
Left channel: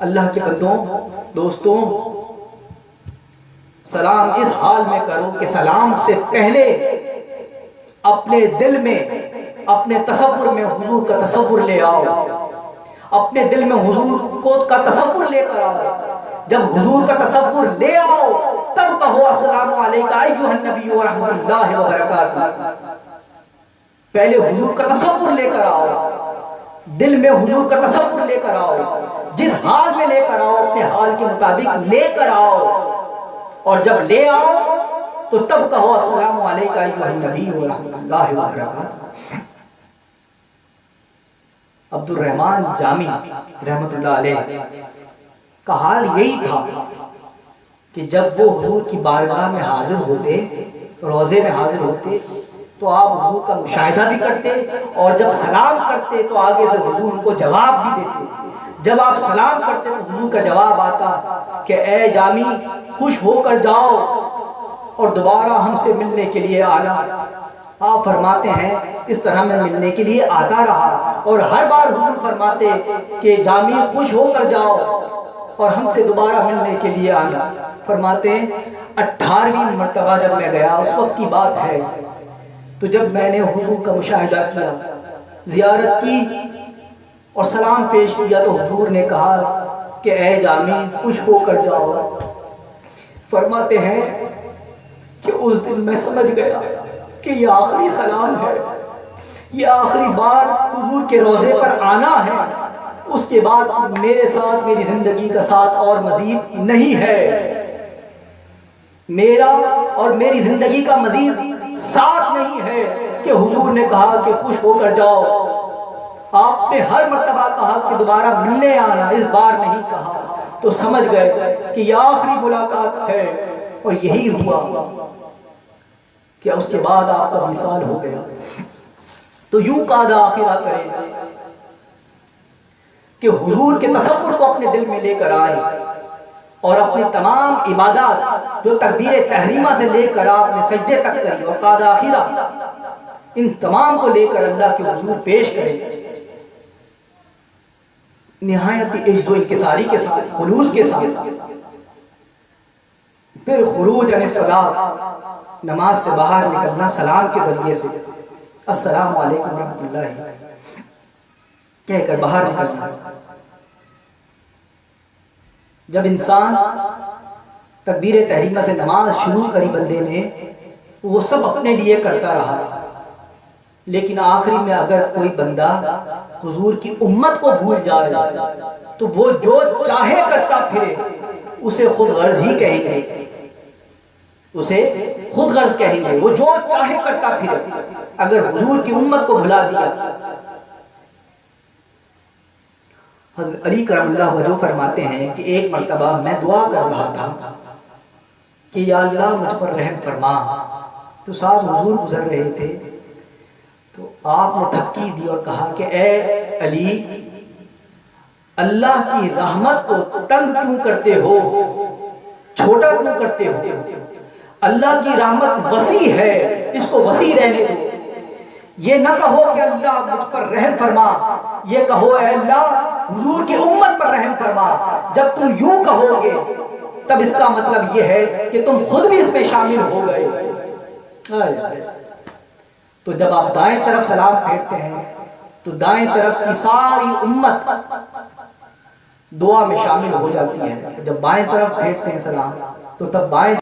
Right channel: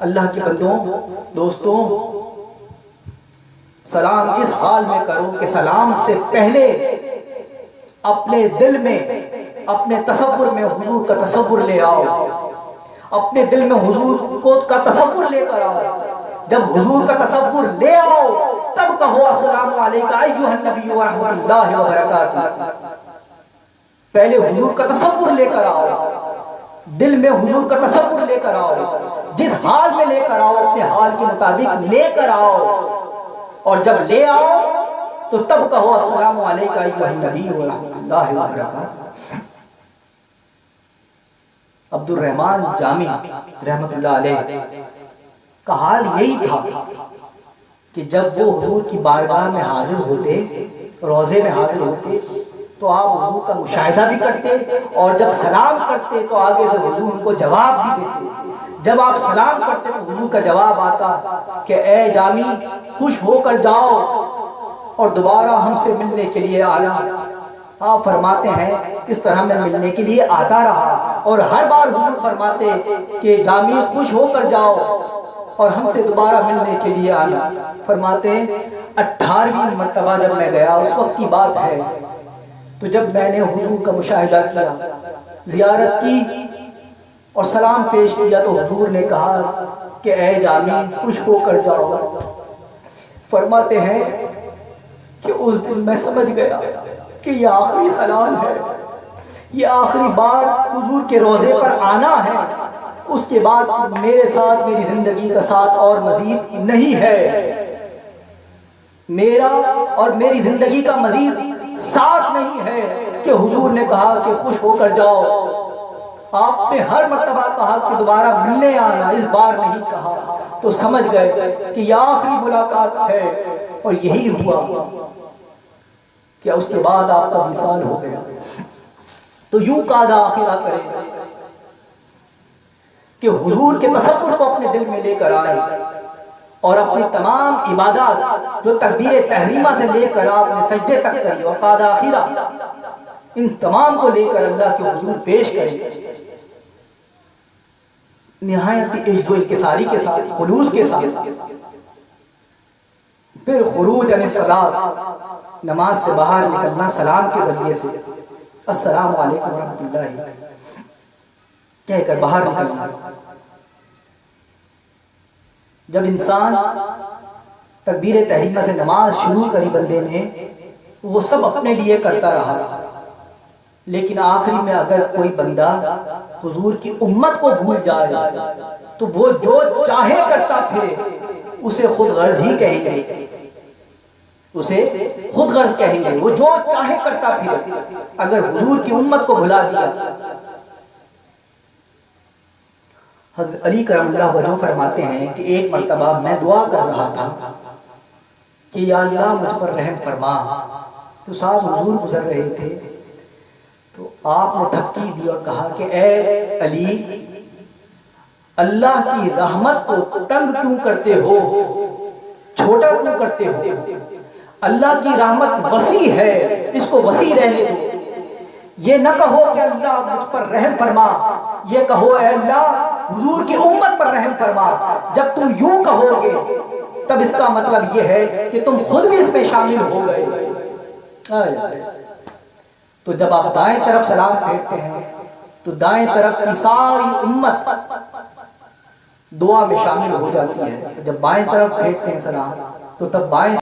اللہ کے بندوں، دوستوں، سلام اس حال میں کرو کہ سلام سے پہلے اپنے دل میں، اپنے تصور میں حضور کا تصور لے آؤ، اپنے دل میں حضور کو کا تصور لے کر آؤ. جب حضور کا تصور لے آؤ تب کہو السلام علیکم ایھا النبی ورحمۃ اللہ وبرکاتہ. پہلے حضور کا تصور لے کر آؤ، دل میں حضور کا تصور لے کر آؤ، جس حال میں لے کر آؤ اپنے حال کے مطابق لے کر آؤ، اور جب لے آؤ تو تب کہو السلام علیکم ایھا النبی ورحمۃ اللہ وبرکاتہ. عبد الرحمن جامی رحمۃ اللہ علیہ کا حال یہی تھا کہ جب وہ حضور کی بارگاہ میں حاضر ہوتے، روضے میں حاضر ہوتے، تو آپ حضور کا مشاہدہ بھی کرتے، اور جب سلام کرتے تو آگے سے حضور ان کو جواب بھی دیتے. جب آپ سلام کرتے تو حضور کا جواب آتا کہ اے جامی خوش ہو کر جاؤ اور دوبارہ ہم سے ملنے کے لیے آنا. آپ فرماتے ہیں اس طرح میں ملنے کے لیے آتا رہا، اور ہر بار حضور فرماتے کہ جامی خوش ہو کر جاؤ اور ہم سے دوبارہ ملنے کے لیے آنا. فرماتے ہیں 18ویں مرتبہ جب میں گیا، اس وقت کی بات ہے، تو جب میں نے حضور کا مشاہدہ کیا، زیارت کی اور سلام پیش کیا، تو حضور نے کہا کہ اے جامی خوش ہو کر جاؤ. فرماتے ہیں کہ اس دن میں سمجھ گیا کہ یہ آخری سلام ہے، یہ آخری بار حضور کے روضے پر آنا ہے، اس کے بعد میرے ساتھ میری زندگی کا ساتھ اور مزید نہیں ہے، میرا اور میری زندگی کا مزید ساتھ نہیں ہے کہ حضور نے کہا کہ خوش ہو کر جاؤ۔ آپ نے ہر مرتبہ کہا کہ دوبارہ ملنے آنا، اس بار نہیں کہا، تو سمجھ گئے کہ یہ آخری ملاقات ہے، اور یہی ہوا کہ اس کے بعد آپ کا وصال ہو گیا۔ تو یوں قاد آخرہ کریں کہ حضور کے تصور کو اپنے دل میں لے کر آئیں، اور اپنی تمام عبادات جو تکبیر تحریمہ سے لے کر آپ نے سجدے تک کری اور قاد آخرہ، ان تمام کو لے کر اللہ کے حضور پیش کریں، نہایت عجز و انکساری کے ساتھ، خلوص کے ساتھ۔ پھر خروج عن الصلاۃ، نماز سے باہر نکلنا سلام کے ذریعے سے، السلام علیکم ورحمۃ اللہ کہہ کر باہر نکلنا۔ جب انسان تکبیر تحریمہ سے نماز شروع کری بندے نے، وہ سب اپنے لیے کرتا رہا، لیکن آخری میں اگر کوئی بندہ حضور کی امت کو بھول جائے تو وہ جو چاہے کرتا پھرے، اسے خود غرض ہی کہیں گے، اسے خود غرض کہیں گے، وہ جو چاہے کرتا پھرے اگر حضور کی امت کو بھلا دیا۔ حضرت علی کرم اللہ وجہ فرماتے ہیں کہ ایک مرتبہ میں دعا کر رہا تھا کہ یا اللہ مجھ پر رحم فرما، تو صاحب حضور گزر رہے تھے، تو آپ نے دھمکی دی اور کہا کہ اے علی، اللہ کی رحمت کو تنگ کیوں کرتے ہو، چھوٹا کیوں کرتے ہو؟ اللہ کی رحمت وسیع ہے، اس کو وسیع رہنے دو۔ یہ نہ کہو کہ اللہ مجھ پر رحم فرما، یہ کہو اے اللہ حضور کی امت پر رحم فرما۔ جب تم یوں کہو گے تب اس کا مطلب یہ ہے کہ تم خود بھی اس میں شامل ہو گئے۔ تو جب آپ دائیں طرف سلام پھیرتے ہیں تو دائیں طرف کی ساری امت دعا میں شامل ہو جاتی ہے، جب بائیں طرف پھیرتے ہیں سلام تو تب بائیں